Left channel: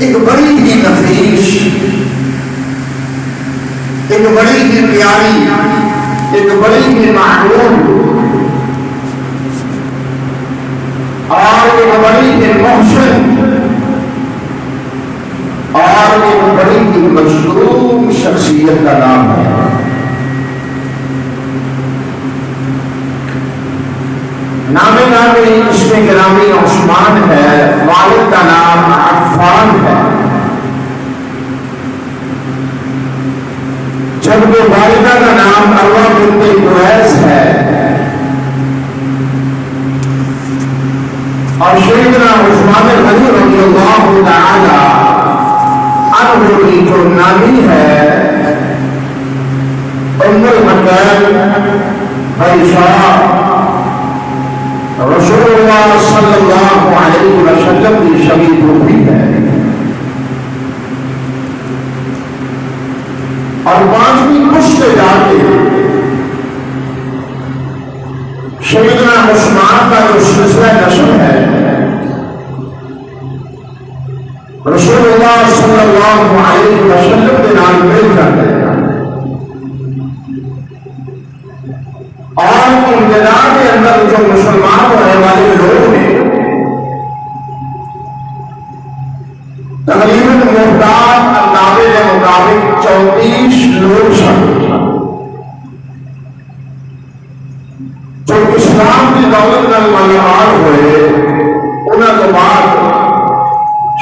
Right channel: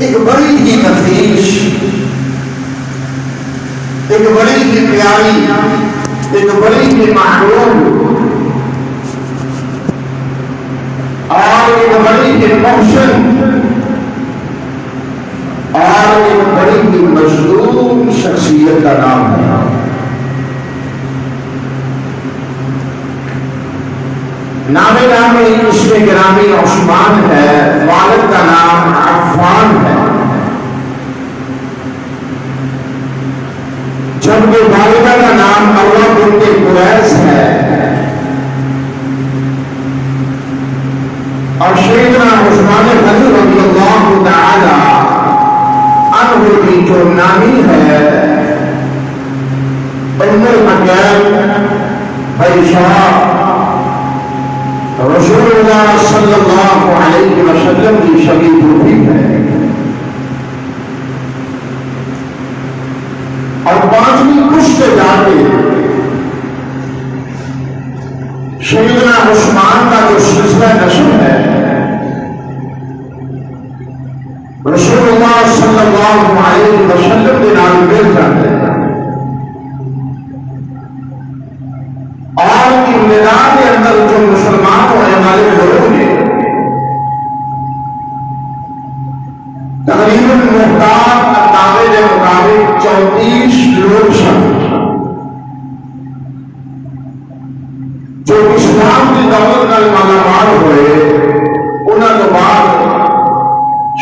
ایک بڑی ہی نفیس، ایک بڑی ہی پیاری، ایک بڑی ہی محبوب اور ایک بڑی ہی محسن اور ایک بڑی ہی مظلوم شخصیت کا نام ہے۔ نام اس میں گرامی عثمان ہے، والد کا نام عفان ہے، جبکہ والدہ کا نام عروہ بنت قریظ ہے، اور سیدنا عثمان غنی رضی اللہ تعالی عنہ کی جو نامی ہے ام المکین عائشہ رسول اللہ صلی اللہ علیہ وسلم کی شبی پوتی ہے، اور پانچویں پشت جا کے سیدنا عثمان کا جو سلسلہ نسل ہے رسول اللہ صلی اللہ علیہ وسلم کے نام مل جاتے ہیں، اور ابتدا کے اندر جو مسلمان ہونے والے لوگ نے تقریباً محتاط اندازے کے مطابق 34 لوگ سن جو اسلام کی دولت کا ملمان ہوئے، انہوں کے بعد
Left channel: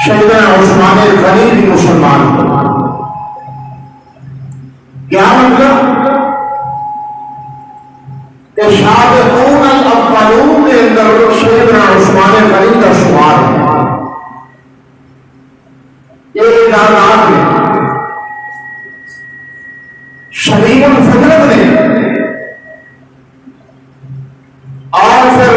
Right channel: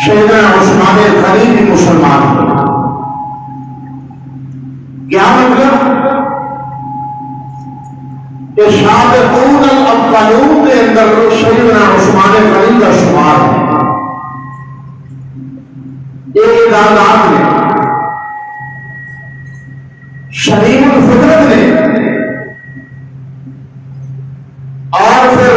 سیدنا عثمان غنی بھی مسلمان ہوئے۔ کیا مطلب کہ سابقون الاولون کے اندر سیدنا عثمان غنی کا شمار ہے۔ یہ اعدادات میں شریف الفطرت نے اور پھر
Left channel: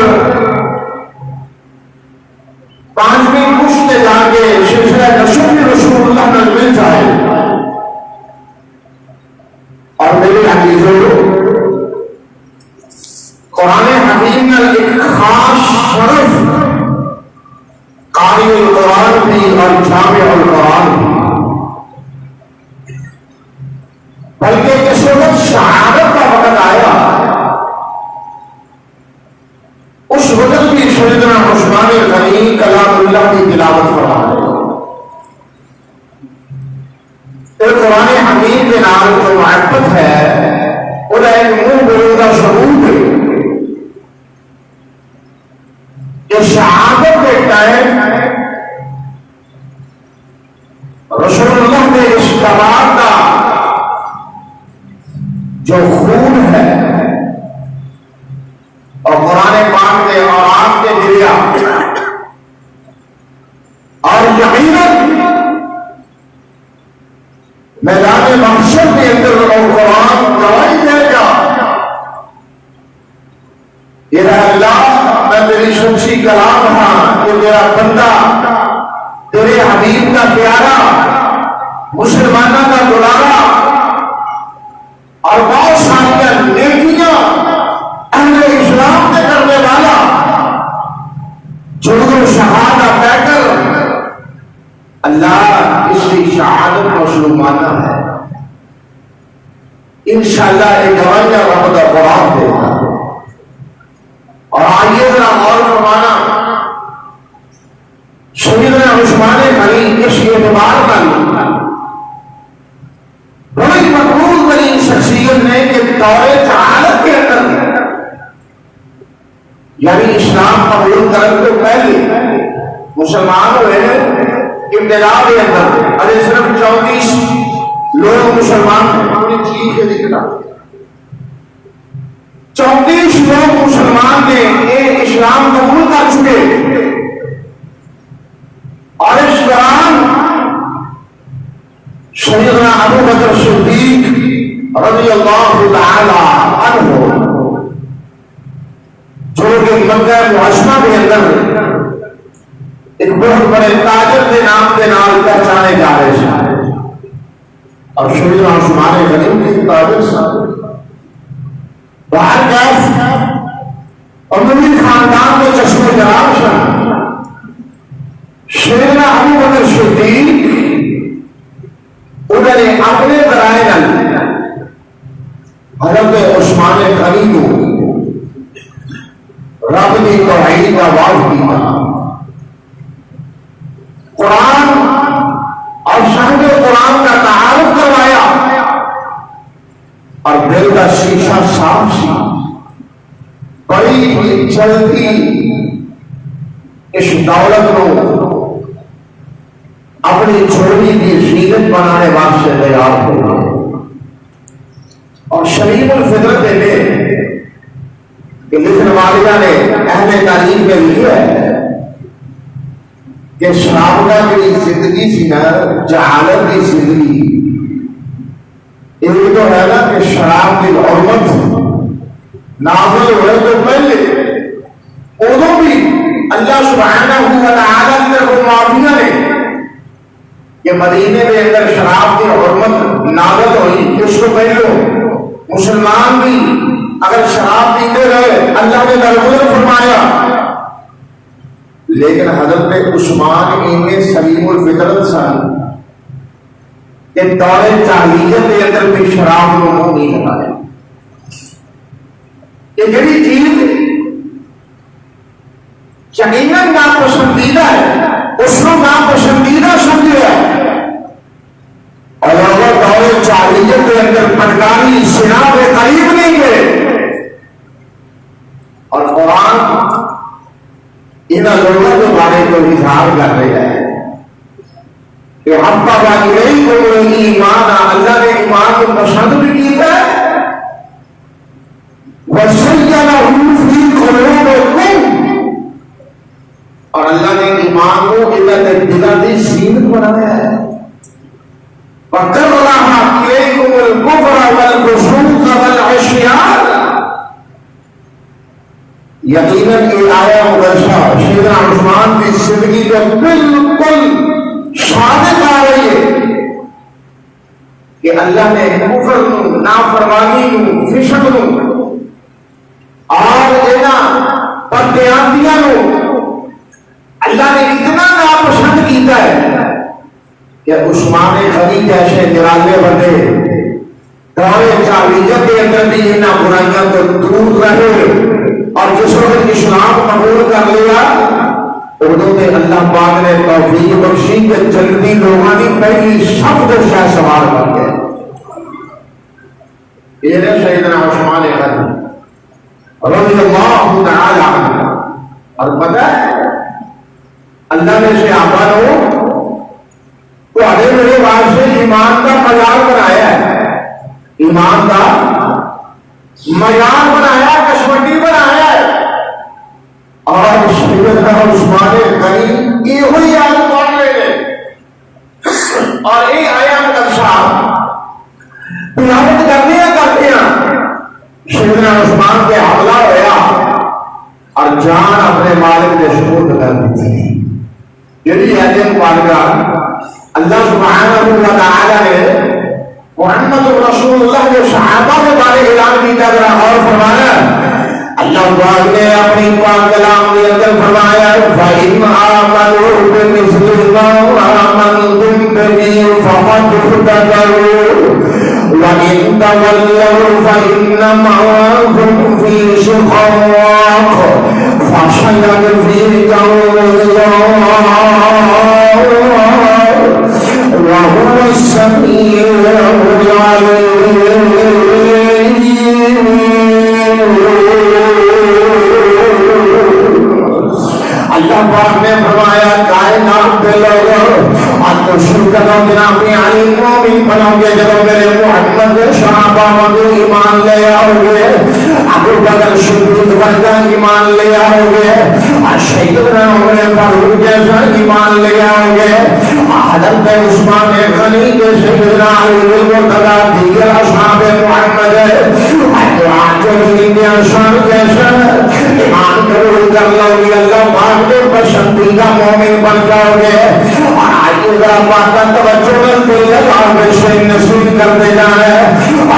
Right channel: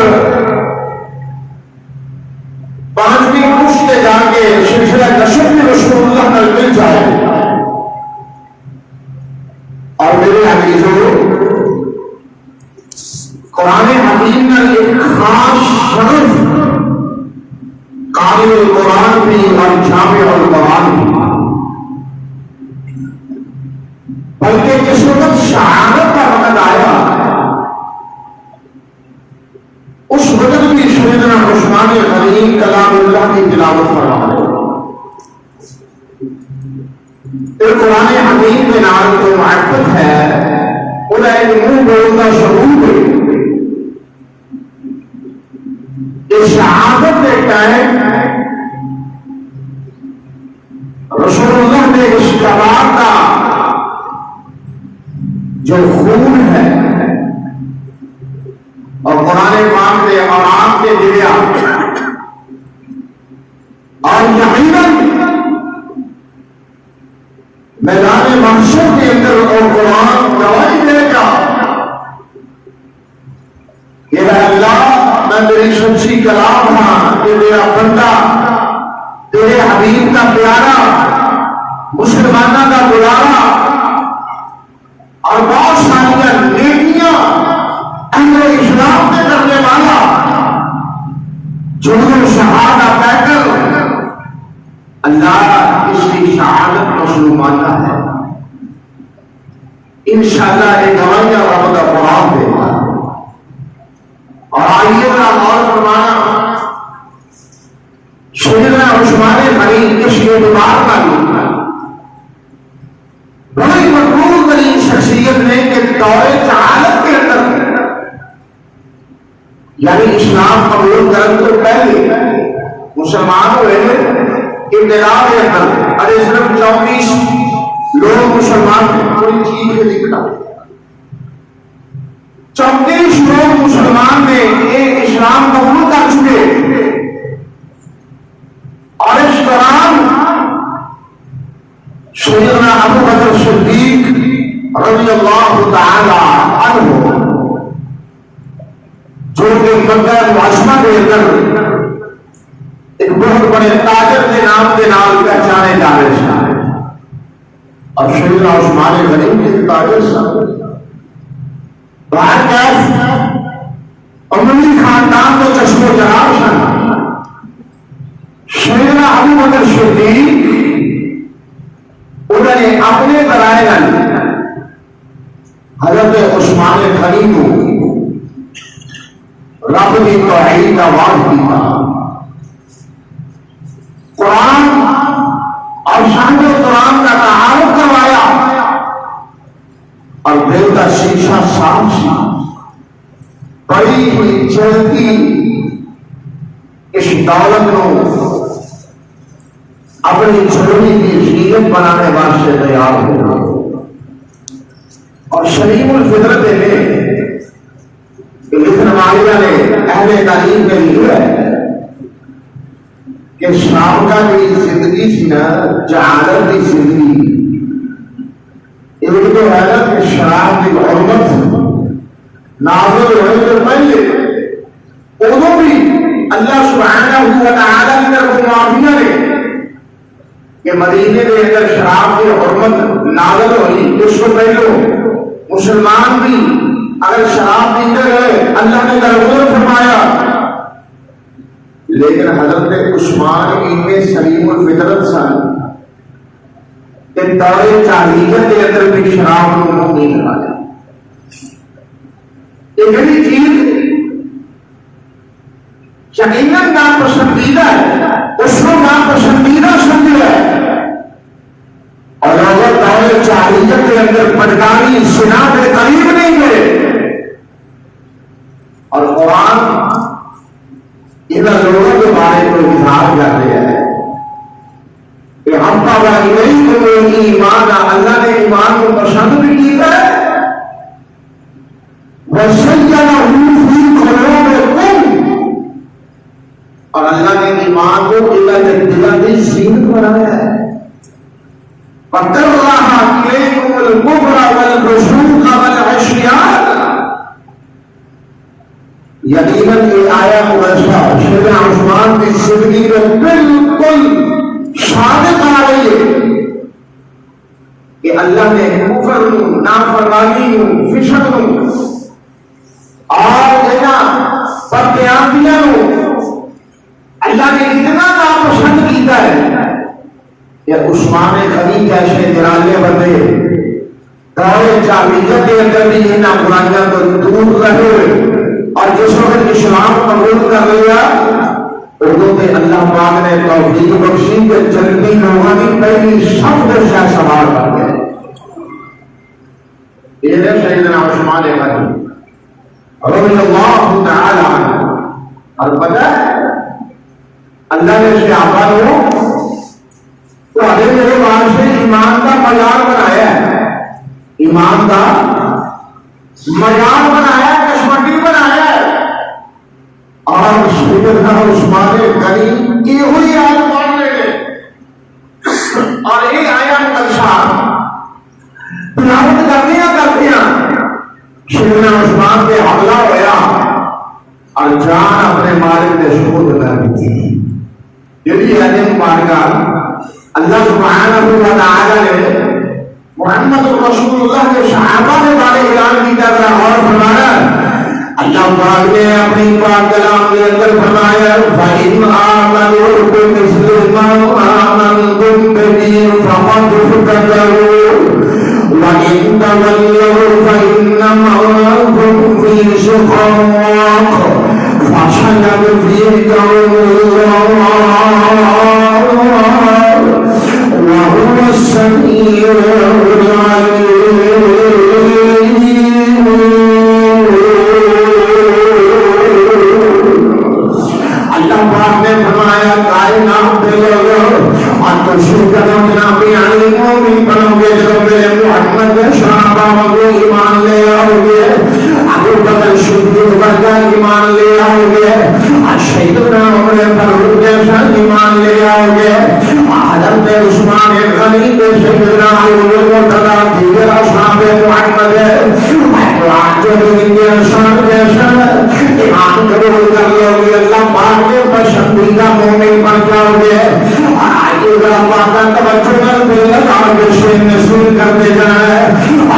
پانچویں پشت جا کے سلسلہ نسب میں رسول اللہ نل مل جائے، اور میرے عزیزوں قرآن حکیم میں ایک خاص شرف قاری القرآن بھی اور جامع القرآن بھی، بلکہ جس وقت شہادت کا وقت آیا اس وقت بھی سیدنا عثمان غنی کلام اللہ کی تلاوت فرما رہے ہیں۔ پھر قرآن حکیم کے نام جو معرفت ہے انہیں ایک منہ بولتا ثبوت ہے کہ شہادت کے ٹائم رسول اللہ نے اس کلام کا جو خون ہے اور قرآن پاک کے اور آپ کے ذریعہ اور یقیناً میدان محشر کے اندر اور قرآن گواہی دے گا کہ اے اللہ میں تیری سچی کلام ہاں، کہ میرا بندہ تیرے حبیب کا پیارا، مسلمانوں کا بلاوا اور بہت ساری نیکیاں اہل اسلام کے کرنے والا جنہوں شہادہ پہ کر اللہ اس کی شہادت مسلمانہ ہے، انشاءاللہ ایک گواہی وقت کا قرآن دے گا۔ اور آئیے گا غور فرمانا سیدنا عثمان غنی اس اعتبار کا بھی بڑی مقبول ترین شخصیت نے کہ دور جہالت کے اندر یعنی اسلام قبول کرنے سے پہلے مسلمان ہوئے ابتدا کے اندر ارے صرف 34 لوگ مسلمان پوری چیز سے دکھتا 34 لوگ مسلمان نے یہ اسلام قبول کر چکے، اور اس دوران سیدنا ابو بکر صدیق رضی اللہ تعالی عنہ جو کہ مکہ معظمہ کے اندر ایک بہت بڑے تاجر کے نام پہچانے جا رہے ہیں، اور سیدنا عثمان غنی کے تاجر صاحب باہر کیف اموی خاندان کے چشم و جراب سے سیدنا ابو بکر صدیق نے اپنے کرائے گا حضرت عثمان غنی کو رب کی توحید کا واضح کیا قرآن اور شاہد قرآن کا تعارف کروایا اور دل کا شیشہ صاف سی بڑی ہوئی چلتی اس دولت کو اپنی چھوڑی کی زینت بنانے واسطے تیار ہو اور شریف الفطرت میں کہ لکھنے والیہ نے اہل تعلیم کے لیے کہ شرابہ کی زندگی سی نا جہالت کی زندگی ایک تو ہے نا کہ شراب کی حرمت نافذ ہوئے تو پہلے ادو بھی اللہ سبحانہ و تعالی نے کو معافیاں نے کہ مدینے میں اگر شراب کی حرمت نازل ہوئی اس کو پہلے مسلمان بھی اگر شراب پیتے رہے اللہ نے درگزر فرمایا لیکن حضرت عثمان ان سلیم الفطرت سن کہ دور جاہلیت کے اندر بھی شراب کو منہ نہیں لگایا یہ جڑی چیز یقیناً ناپسندیدہ ہے اس کو ناپسندیدہ سمجھا ہے اور اگر دور جاہلیت کے اندر پٹکاری سنا کے قریب نہیں ہے اور قرآن ان لوگوں کے بارے کو اظہار کرتے ہیں کہ ہم ایمان اللہ نے ایمان کو پسند بھی کیا ہے اور اللہ نے ایمان کو دلاتی سیمت بنایا ہے پکڑ رہا یقیناً یہ آیا مبشرہ سیدنا عثمان کی زندگی کا بالکل صادق آ رہی ہے کہ اللہ نے کفر نافرمانی فسق اور بدعملیاں اللہ نے اتنا ناپسند کیا ہے کہ عثمان غنی جیسے نرالے بندے دور جاہلیت کے اندر بھی ان برائیاں تو دور رہے اور جس وقت اسلام قبول کر لیا اردو کے اللہ پاک نے توفیق بخشی کہ جنتی روحانی پہلی سب کو شاہ سوال کر گئے یہ ہے سیدنا عثمان غنی رضی اللہ تعالی عنہ اور پتہ ہے اللہ نے صحابہ کو تو ابھی میرے بعد سے ایمان کا معیار بنایا ہے ایمان کا معیار بنایا کشمٹی بنایا اور سیدنا عثمان غنی یہ ہوئی آج مان لے گئے اور یہ آیا نقشہ تلاوت کرتے ہیں سیدنا عثمان پہ حملہ ہوا اور جان اپنے مالک کے سپرد کر دی تھی یعنی ایسے مبارکہ اللہ سبحانہ و تعالی نے محمد رسول اللہ کے صحابہ کے بارے اعلان کی طرح اور فرمایا اللہ پاک نے اپنی پاک کلام کے اندر فرمایا فَإِنْ آمَنُوا بِمِثْلِ مَا آمَنْتُمْ بِهِ فَقَدِ اهْتَدَوْا وَإِنْ تَوَلَّوْا فَإِنَّمَا هُمْ فِي شِقَاقٍ فَسَيَكْفِيكَهُمُ اللَّهُ وَهُوَ السَّمِيعُ الْعَلِيمُ ایمان لے آؤ گے ایمان لے آؤ گے حضرت عثمان غنی کے سیدنا علی مرتضی دیگر اصحاب محمد جو دنیا شان جیسا ایمان کرو کر لو گے اللہ پاک کے پسندیدہ مومن بن جاؤ گے آج ذرا پاک کا توجہ دل لگا کے سے نصیب کرتے جائے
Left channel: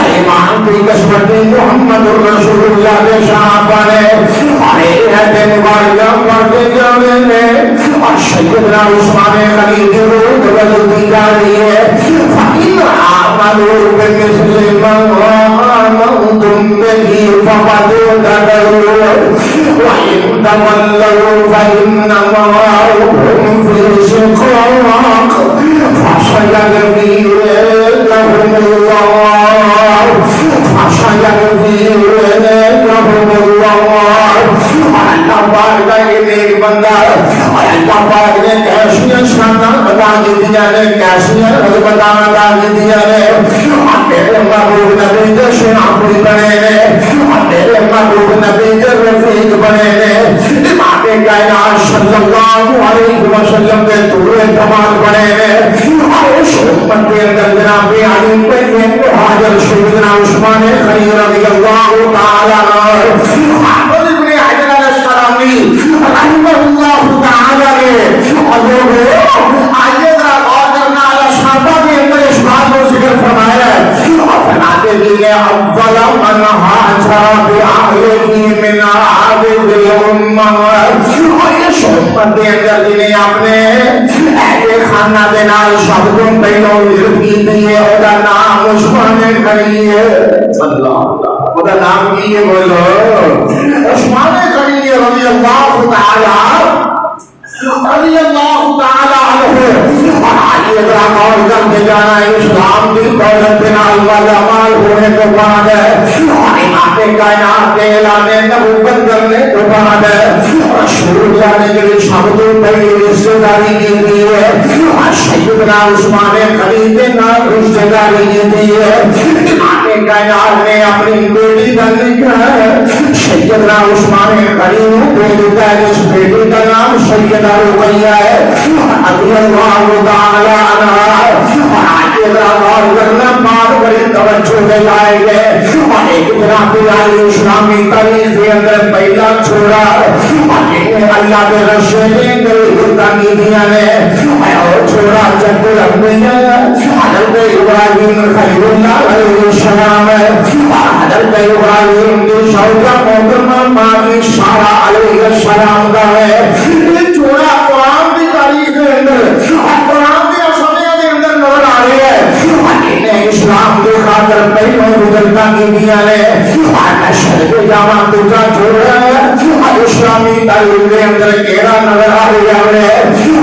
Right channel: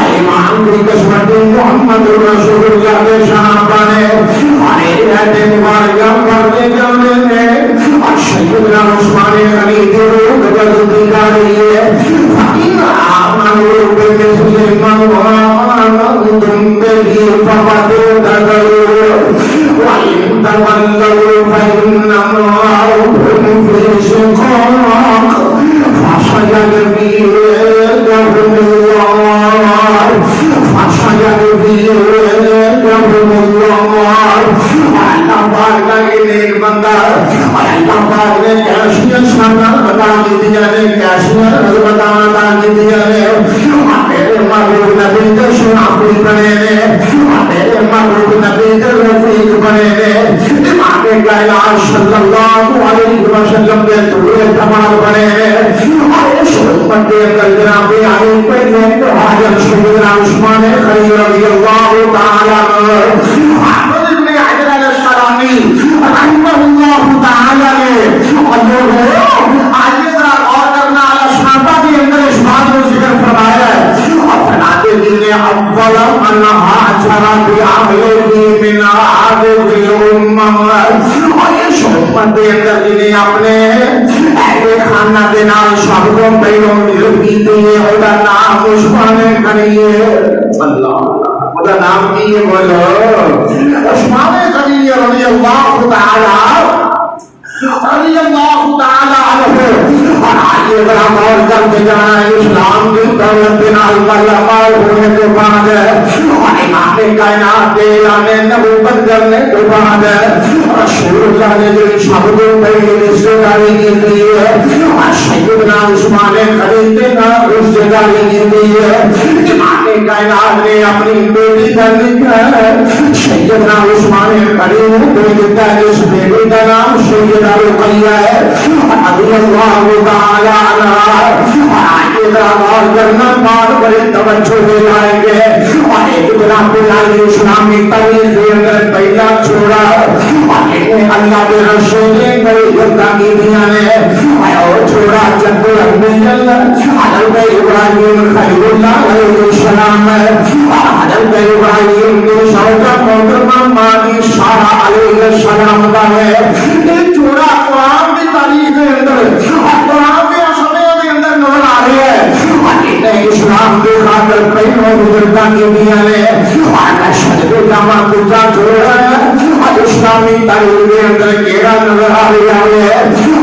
ایمان کی قسمت محمد رسول اللہ کے صحابہ نے رہتے مبارکہ کرتے جانے میں اور سیدنا عثمان غنی کی روح بدلتی جا رہی ہے قالوا بمثل ما آمنتم به فقد اهتدوا وإن تولوا فإنما هم في شقاق فسيكفيهم الله فسيكفيهم الله اللہ پاک کا یہ نیک بندہ اللہ پاک نے کیسے شان بتا دیا ہے کیسے بتا دیا ہے میرے محبوب نبی کے شناخت بنے میرے محبوب نبی کے رفیق بنے امام کائنات صلی اللہ علیہ وسلم کے دور کمال بنے اور اس امت کے اندر جناب علی پہ حاضر سیدنا عثمان غنی رضی اللہ تعالی عنہ احمد بن حجر الاسقلانی رحمہ اللہ تعالی نے اور آئیے ذرا غور کرنا الصحابہ کے اندر اس بات کو ذکر فرمایا ہے اور فرماتے ہیں اول من ہاجر باہلہ من هذه الامه اور اس امت کے اندر جنہیں اپنے اہل خانہ کے نال شبدوں پہلوں عزت کی تھی اور نام عثمان غنی ہے اللہ خدا نام کی یہ بولو عثمان غنی رضی اللہ تعالی عنہ اور آگے ذرا غور کرتے جانا اسلام کی دولت بنا علماء ہونے کے بعد اور امام کائنات کے اعلان نبوت کرنے کے بعد رسول اللہ نے جو شبدوں پہلی رشتہ داری کی تھی اور سیدنا عثمان غنی کے نام رشتہ داری کی تھی امام کائنات نے اپنی بیٹی کا لکھا ہے سیدنا عثمان غنی نے لکھا ہے اس بیٹی کا نام سیدنا رقیہ ہے رضی اللہ تعالی عنہا اور آگے ذرا غور کرنا بات بڑی توجہ سے لائیں گے اور ایک جناب علی اسلامی تاریخ کے اندر پہلا چھوڑا اور اللہ کے رسول نے بڑی تاکیدیاں نے اور چھوڑا جد الانبیاء حضرت ابراہیم خلیل اللہ علیہ السلام اور حضرت ابراہیم کی شوہر محترمہ ماں سارہ علیہ السلام کا ہے چھوڑا قرآن کی تاریخ کے اندر اور قرآن کے اسمیہ کے اندر نور آ رہے ہیں اسلام کے خاطر پہلوں بزرگاں کی دیا نے اور شد کے جامع کتا چھوڑا ہے اور اسلامی تاریخ کے اندر کیرا نظر آ رہا ہے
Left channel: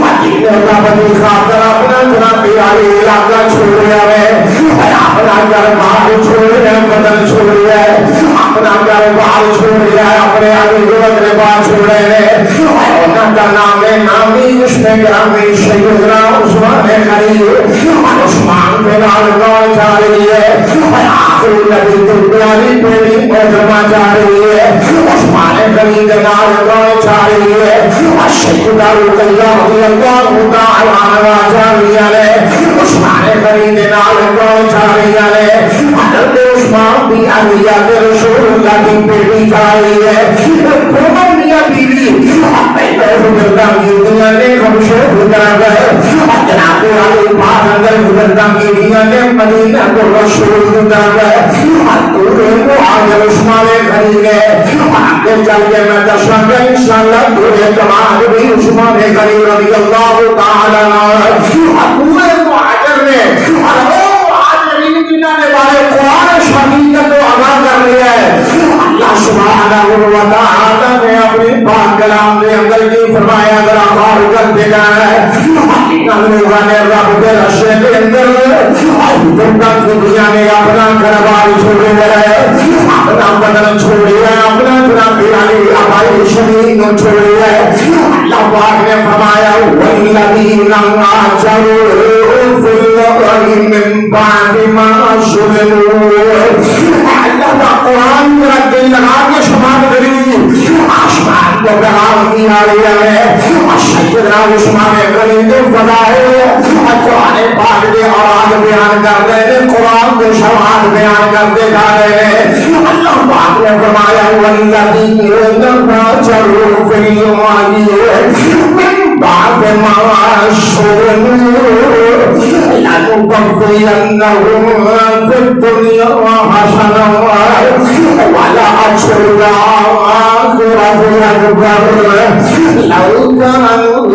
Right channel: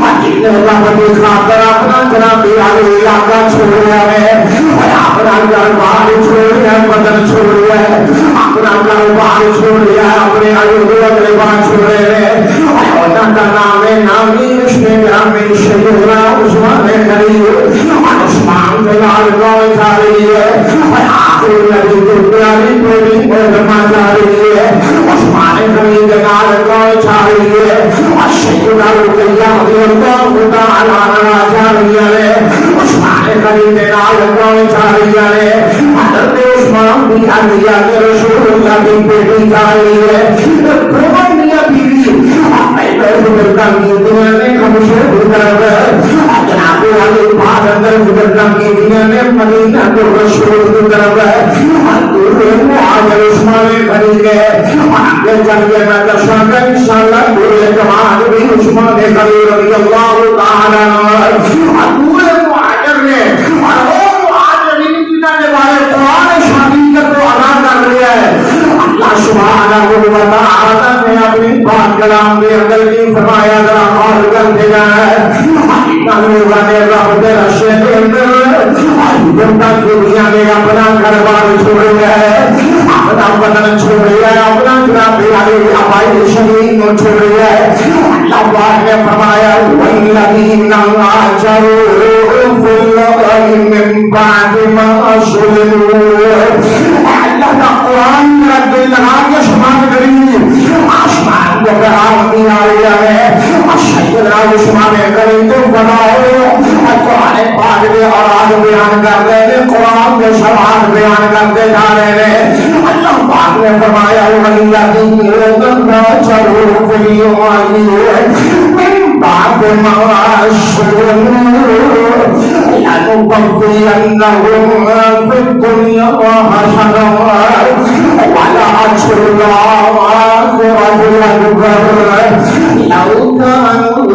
اور خاطر اپنا جناب علی علاقہ چھوڑ رہا ہے اور اپنا گھر باہر چھوڑ رہا ہے بدن چھوڑ رہا ہے اپنا گھر باہر چھوڑ رہا ہے اپنے علی گھر باہر چھوڑ رہے ہیں اور ان کا نام ہے نامی اس میں گرامی سیدنا عثمان غنی اور عثمان کے لال گاؤں جا رہی ہے اور آخر نبی کے پیاری پیاری محترمہ جا رہی ہے عثمان غنی کے لال گاؤں جا رہی ہے اور سیدنا رقیہ رضی اللہ تعالی عنہا جا رہی ہے عثمان غنی کے لال گاؤں جا رہی ہے حضرت عثمان بھی انبیاء کے رسول اللہ کی بیٹی جا رہی ہے دونوں میاں بیوی پہلے بزرگاں کی دنیا نے ہم سے گزر گئے اور جناب علی پاک اندر بزرگاں کی دنیا نے مدینہ کو رسول گزر گئے اور دونوں مہاجر عثمان غنی کے آگے چل کے میں دساں گا انشاءاللہ دورے کمال بھی عثمان غنی رضی اللہ تعالی عنہ اور پورے مہاجر نے اور وہ مہاجرین جنہوں نے والے قرآن شریعت کو ادا کر لیا ہے اللہ سبحانہ و تعالی نے اپنی پاک کلام کے اندر کی فرمایا ذرا غور کرتے جائیں نے رب کے رشے کے اندر بزرگاں کی دنیا نے اپنا گھر بار چھوڑے ہے اپنا بدن چھوڑے ہے اپنا جناب علی آبائی شریف کو چھوڑے ہے اللہ پاک نے فرمایا والذین هاجروا فی الارض من بعد ما ظلموا اللہ کا قرآن کا دل لگا کے شمار کری آسمان کو قرار دیا گیا ہے اور سیدنا عثمان غنی کو فدائے قرآن پاک کے اوراد بیان کرتے ہیں قرآن کے شواہد بیان کرتے جا رہے ہیں اللہ پاک نے فرمایا والذین هاجروا فی الارض من بعد ما ظلموا لنبوئنهم في الدنيا حسنة ولأجر الآخرة أكبر لو كانوا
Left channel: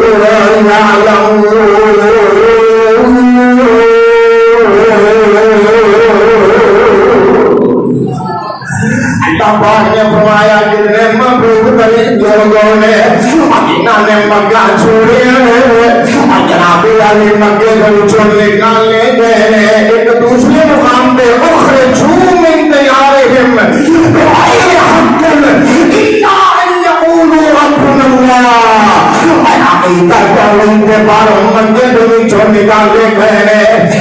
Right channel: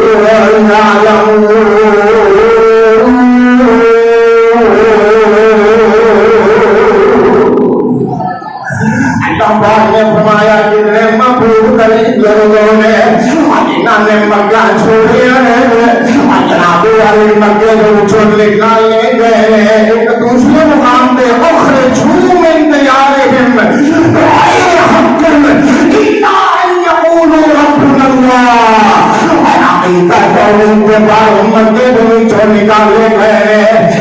يعلمون مکے کو چن نکالنے گئے ایک دوسرے مقام پہ اخرجوا من دیارہم بغیر حق الا ان یقولوا ربنا اللہ عقیدہ توحید کے بعد مکے کو چن نکالنے گئے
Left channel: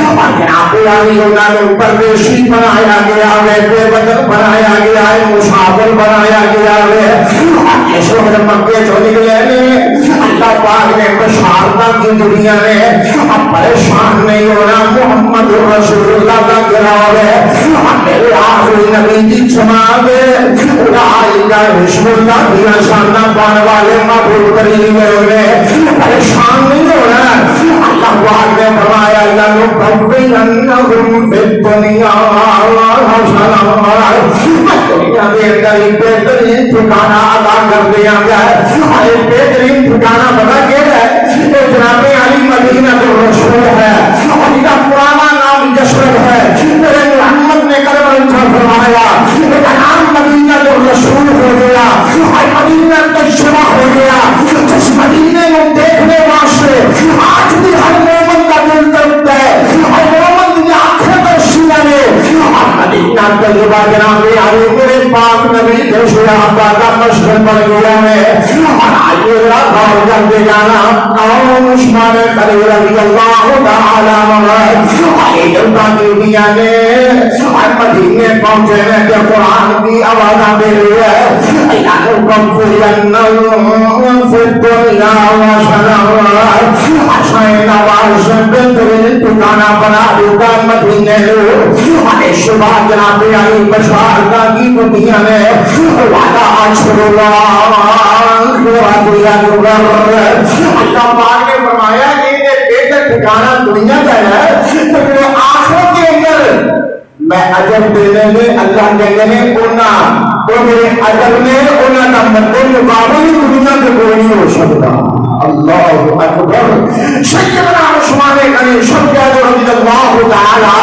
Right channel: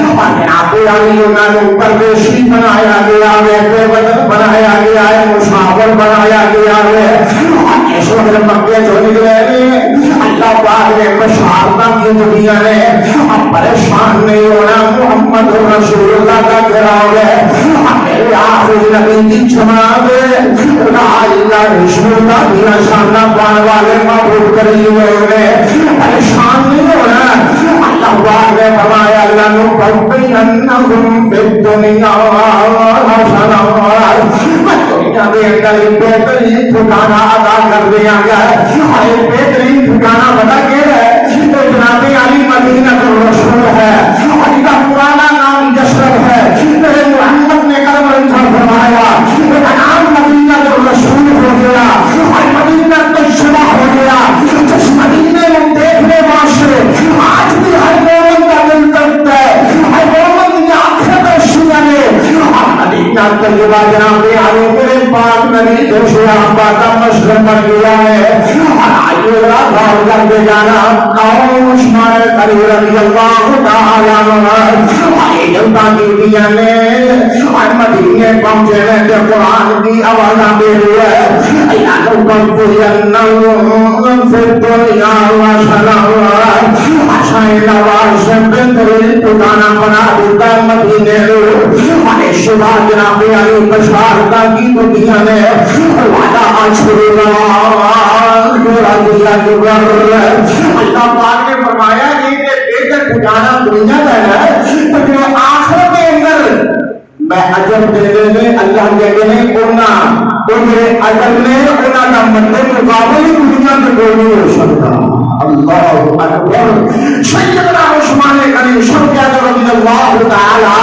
اور جناب علی انہوں نے پردیسی بنایا گیا ہے بے وطن بنایا گیا ہے مسافر بنایا گیا ہے اس وقت مکے چن نکلے اللہ پاک نے بشارت کی دنیا نے اب پریشان نہیں ہونا محمد رسول اللہ کا گراؤ ہے میرے آخری نبی کی جماعت رسول اللہ دیا شاندہ پانے والے معبود کریم ہوئے پریشان نہیں ہونا اللہ پاک نے فرمایا لَنُقَوِّلَنَّهُمْ فِي الدُّنْيَا دنیا کے اندر ایک بہترین ٹھکانہ ادا کر دیا گیا ایک بہترین ٹھکانہ بتا کے ہے تو جناب علی مدینہ الرسول ہے اور ان کا پرانا نام یثرب ہے میرے محمد نے کرم فرمایا میرا نام مدینہ الرسول ہو گیا اور مدینہ طیبہ ہو گیا جس مدینے میں دیکھنے واسطے آج بھی ہر مومن کا دل تڑپتا ہے ہر مومن کی آنکھیں ترسی ہے اور مدینہ طیبہ جناب علی میرے پاک نبی رسول اللہ کا مسجد بن گیا ہے اور آگے غور کرتے جانا عثمان غنی رضی اللہ تعالی عنہ جلتا کی دیا نے اور مدینے پہنچے ہیں کہ قرآن کی آواز آتے ہوئے لَنُقَوِّلَنَّهُمْ فِي الدُّنْيَا حسین آواز سے بہترین ٹھکانہ بنا دیتا ہے مدینے کو اور صبح جناب علی بشارت کی دنیا نے وعدہ اشکر اللہ اللہ پاک نے فرمایا کہ بہتر ٹھکانہ دنیا کا ہے تو میرے آخرت کے اندر میں اجر دینے میں اللہ کہتے ہیں اونا تو میرے اجر میں اونا کا مطلب مقابل دنیا کے کوئی نہیں ہو سکتا اللہ اکبر سیدنا عثمان غنی سب کہتے رضی اللہ تعالی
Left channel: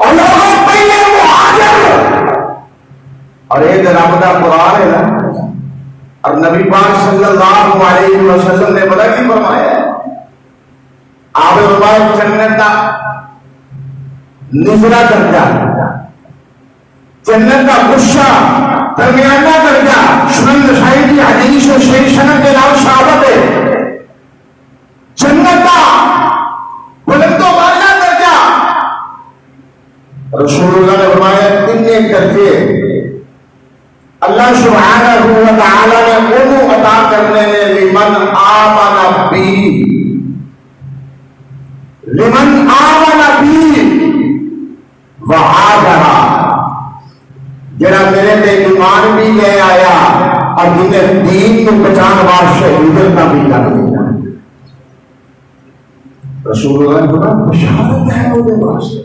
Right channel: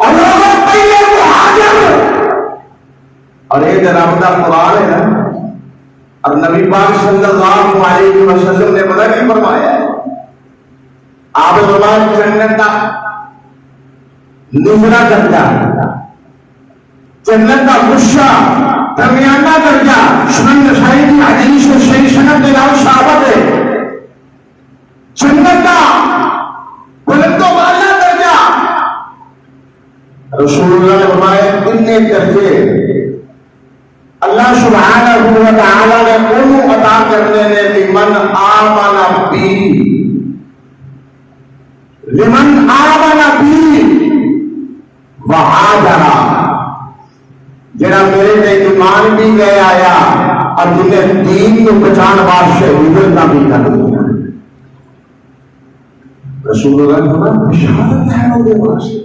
عنہ اور ایک رب کا قرآن ہے نا اور نبی پاک صلی اللہ علیہ وسلم نے بڑا کی فرمایا ہے آپ فرمایا جنت کا نزلہ درجہ جنت کا غصہ درمیانہ درجہ سنن نسائی کی حدیث و صحیح سند کے نام ثابت ہے جنت کا بلند و بالا درجہ رسول اللہ نے فرمایا تین درجے اللہ سبحانہ و تعالی نے انہوں عطا کرنے نے لمن آمن بی وعادہ جنہا میرے تے ایمان بھی لے آیا اور جنہیں دین کو بچان واسطے ہجرت نہ بھی کر دیا رسول اللہ نے فرمایا بشارت ہے وہ واسطے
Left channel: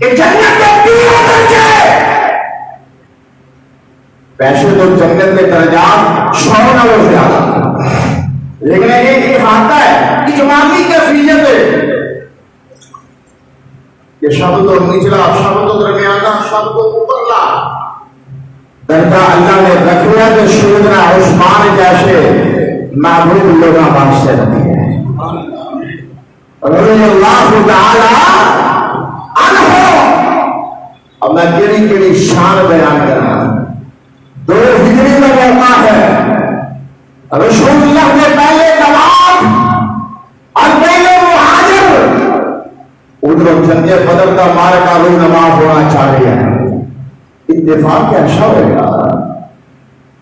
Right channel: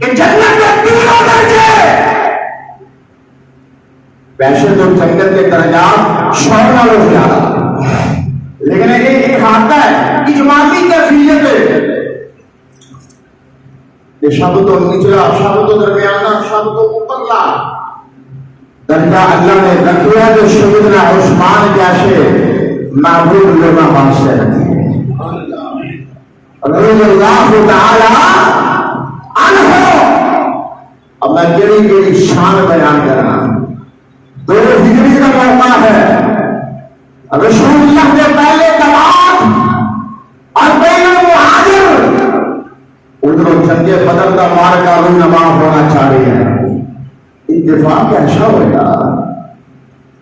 کہ جنت کے تینوں درجے ویسے تو جنت کے درجات 100 نالوں زیادہ لیکن ایک کھاتا ہے اجمالی کیفیت ہے یہ سب تو نچلا سب تو درمیانہ سب تو اوپرلا درجہ اللہ نے رکھا جو سیدنا عثمان جیسے معبود لوگوں واسطے رکھے رضی اللہ تعالی عنہ اب میں کیڑی شان بیان کرنا دو ہجری کا موقع ہے رسول اللہ کے پہلے تمام اور پہلے مہاجر ادھر جنگ بدر کا مارکا رونما ہونا چاہ رہے ہیں اتفاق ایسا ہو گیا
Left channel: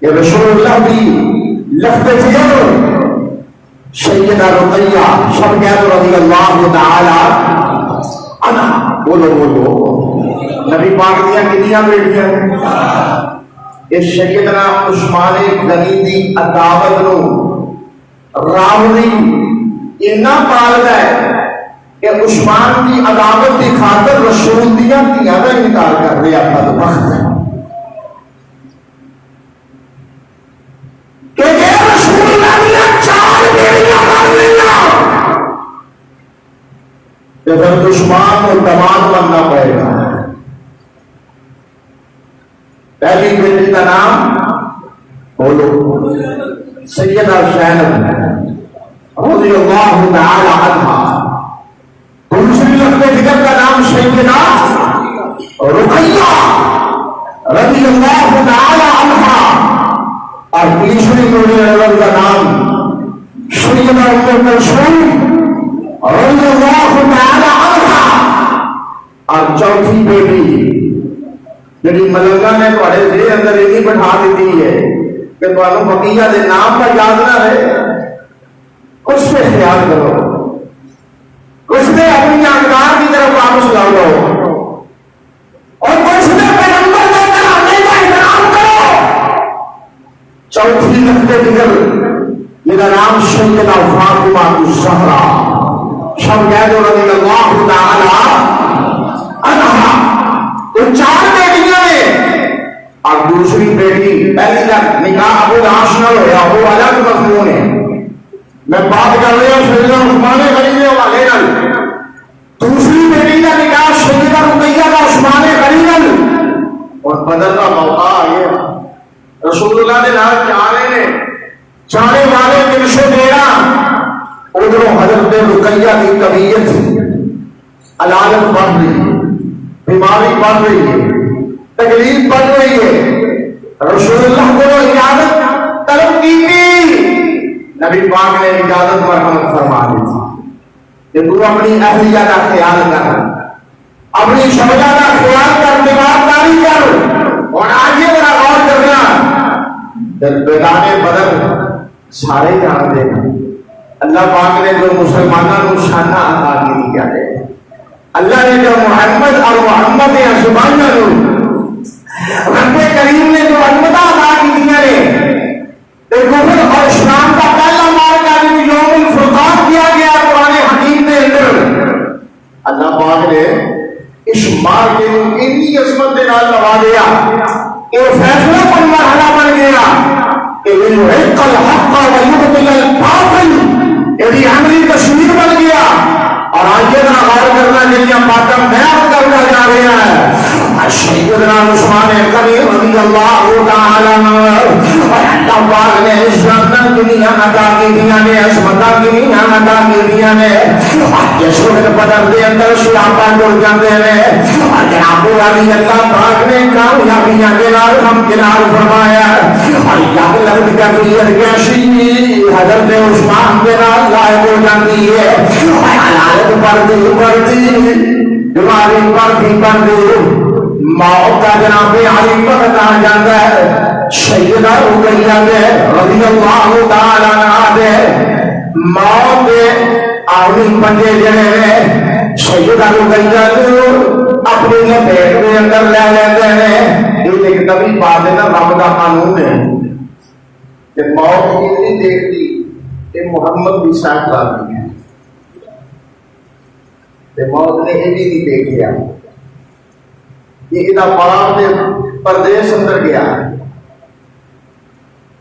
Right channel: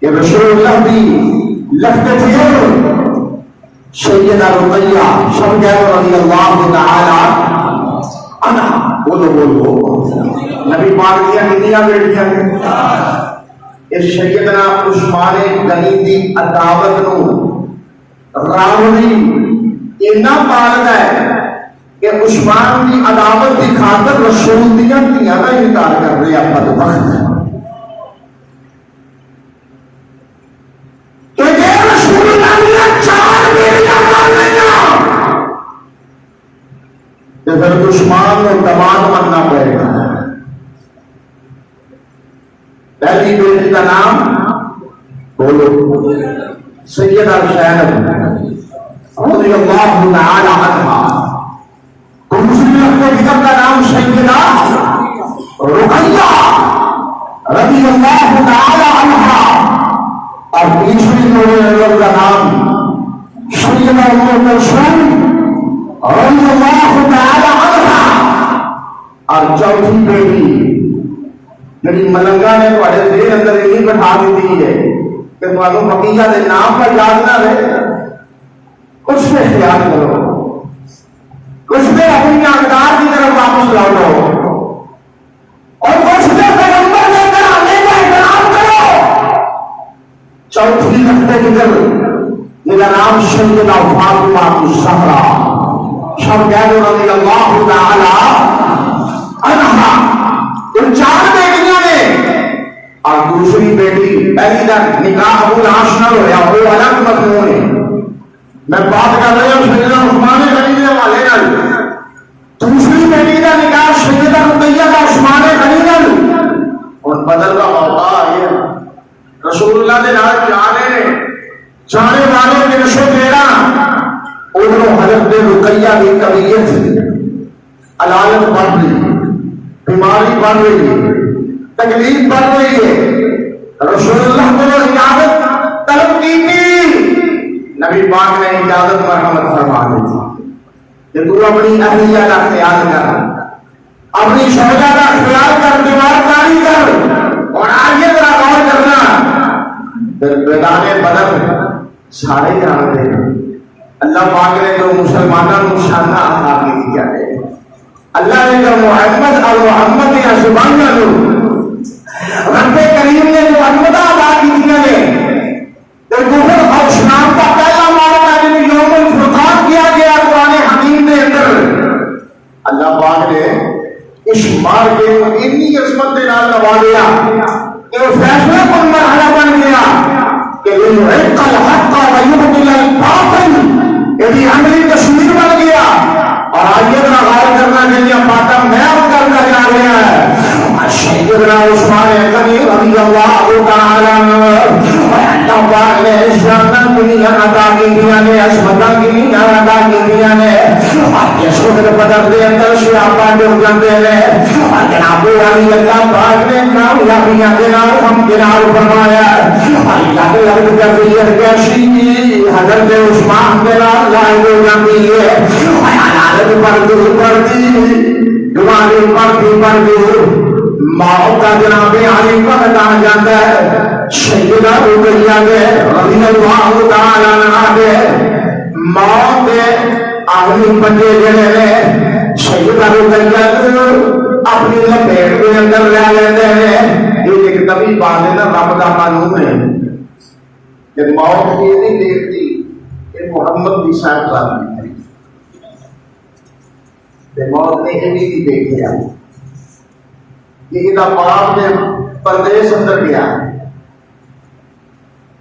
کہ رسول اللہ بھی لفظ سیدہ رقیہ سب کہہ رضی اللہ تعالی عنہ بولو نبی پاک دیا کتنی بیٹیاں اس سیدنا عثمان غنی دی عداوت نو راوی اینا پالدا ہے کہ عثمان دی عداوت دی خاطر رسول دیاں دھیاں دا انکار کر رہا بدبخت ہے کہ یہ رسول اللہ نے 4 بیٹیاں مار لیا کہ پھر عثمان کو تمام بننا پڑے گا پہلی بیٹی کا نام بولو سیدہ زینب رضی اللہ تعالی عنہا، دوسری لفظ دیگر کا نام سیدہ رقیہ رضی اللہ تعالی عنہا، اور تیسری مولا نظر کا نام سیدہ ام کلثوم رضی اللہ تعالی عنہا، اور چوتھی بیٹی جڑی ملنگا نے تھوڑے دیر اندر یہ بٹھا دیتی ہے کہ تمہیں مکیہ کے نام پر یاد نہ رہے، اس سے خیال کرو، اس میں اپنی جانکار کی طرف واپس لاؤ، اور کچھ میں پیغمبر دے کر اپنے کا احترام کرو۔ چوتھی نقطے دیگر میرا نام سیدہ فاطمہ الزہرا شمدان رضی اللہ تعالی عنہا، ان چار بیٹیاں نے، اور دوسری بیٹی پہلی کا نکاح ابو العاص نہ ہوا، وہ الگ مضمون ہے، میں بات کر رہا ہوں سیدنا عثمان غنی کے حوالے نال، دوسری بیٹی کا نکاح سیدہ رقیہ و عثمان غنی نال، اور بدر کا موقع آ گیا، رسول اللہ نے نال جانے نے جانے والے 313 ادھر حضرت رقیہ کی طبیعت علامت بڑھ رہی، بیماری بڑھ رہی ہے، تکلیف بڑھ رہی ہے، رسول اللہ کو اجازت طلب کی تھی، نبی پاک نے اجازت مرحمت فرما دی تھی کہ تو اپنی اہلیہ کا خیال کر، اپنی شوہر کا خیال کر، دیوارداری کر، اور آج یہ بڑا غور کرنا، میدان بدر سارے جانتے ہیں اللہ پاک نے جو مسلمانوں کو شانہ عطا کی کیا ہے، اللہ نے جو محمد اور محمد اشبان رب کریم نے جو عظمتہ عطا کی ہے، دوسر اور اسلام کا پہلا مارکہ جو یوم الفرقان کیا گیا قرآن حکیم کے اندر، اللہ پاک نے اس مارکے کو اتنی عظمت کے نال نوازیا کہ وہ فیصلہ پر مرحلہ بن گیا کہ لیحق الحق ویبطل الباطل، یہ عملی تصویر بن گیا۔ اور آئیے ذرا غور کرنا چاہیے باتیں بیان کرنا جا رہا ہے، سیدنا عثمان غنی رضی اللہ تعالی اللہ پاک نے اسلام دنیا عطا کی دیا نے، عصمتہ کی دنیا عطا کی دیا نے، یسوع کے بدر دے اندر صحابہ جڑ جاتے ہیں، جناب علی اللہ پاک نے کامیابیاں کے نال ہم کنار فرمایا، اور جب لگت کیفیت کیسی حضرت عثمان کے نال لائق ہو جاتی ہے، حالت پڑتی بیماری پڑتی موت کا جناب علی وقت آ جاتا ہے، سیدہ رقیہ رضی اللہ تعالی عنہا دے موت دے آخری بندے جنے نے سیدہ رقیہ اپنی لپیٹ کے اندر لے لیتے ہیں۔ یہ ایک نبی بات ہے نا، رب کا قانون ہے کہ موت یہ نہیں دیکھتی کہ محمد بھی صاحب لاتی ہے، موت نے یہ بھی نہیں دیکھا، یہ باپ نے پردیش اندر گیا،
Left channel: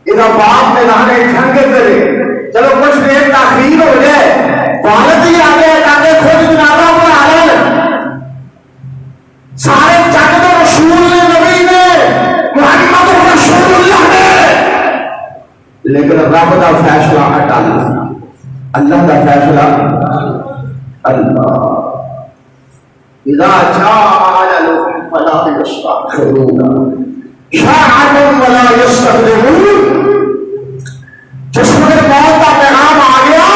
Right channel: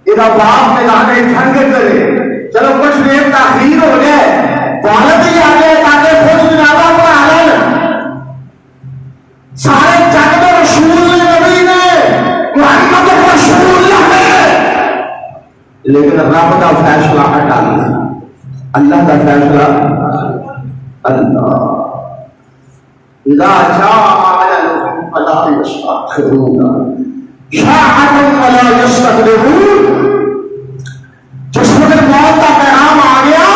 یہ باپ نے لانے ٹھنڈ کرے، چلو کچھ دیر تاخیر ہو جائے، والد ہی آ گئے تاکہ خود جنازہ پڑھا لیں، سارے جگ میں رسول نبی نے محمد رسول اللہ نے، لیکن رب کا فیصلہ ہٹا لیا، اللہ کا فیصلہ اللہ اذا جاء اجلهم فلا يستأخرون ساعة ولا يستقدمون، جس وقت موت کا پیغام آ گیا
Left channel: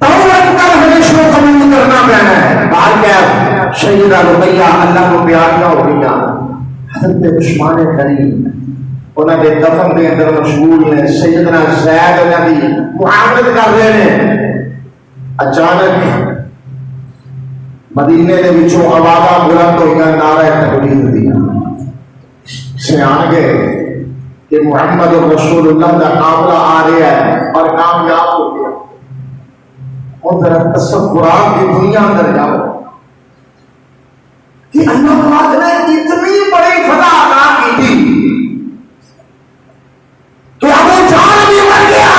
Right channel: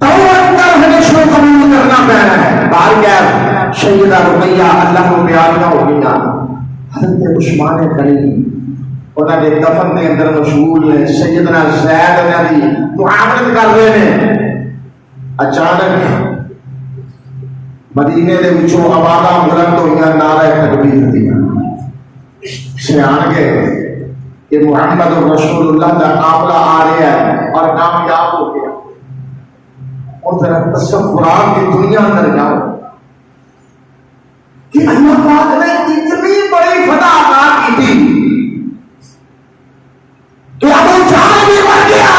توبہ کر حدیث کو قبول کرنا پینا ہے۔ بہر کیف سیدہ رقیہ اللہ کو بیاتیاں ہو گئی، حضرت عثمان غنی انہوں نے دفن کے اندر مشغول ہیں، سیدنا زید انہوں نے معاملت کر رہے ہیں، اچانک مدینے کے وچوں آوازاں بلند ہوئیاں، نعرہ تکبیر دیا، سیان گئے کہ محمد رسول اللہ کا قافلہ آ رہا ہے اور کامیاب ہو گیا۔ اور ذرا تصورات کی دنیا اندر جاؤ کہ اللہ پاک نے اتنی بڑی فتح عطا کی تھی کہ ابو جہل بھی مر گیا،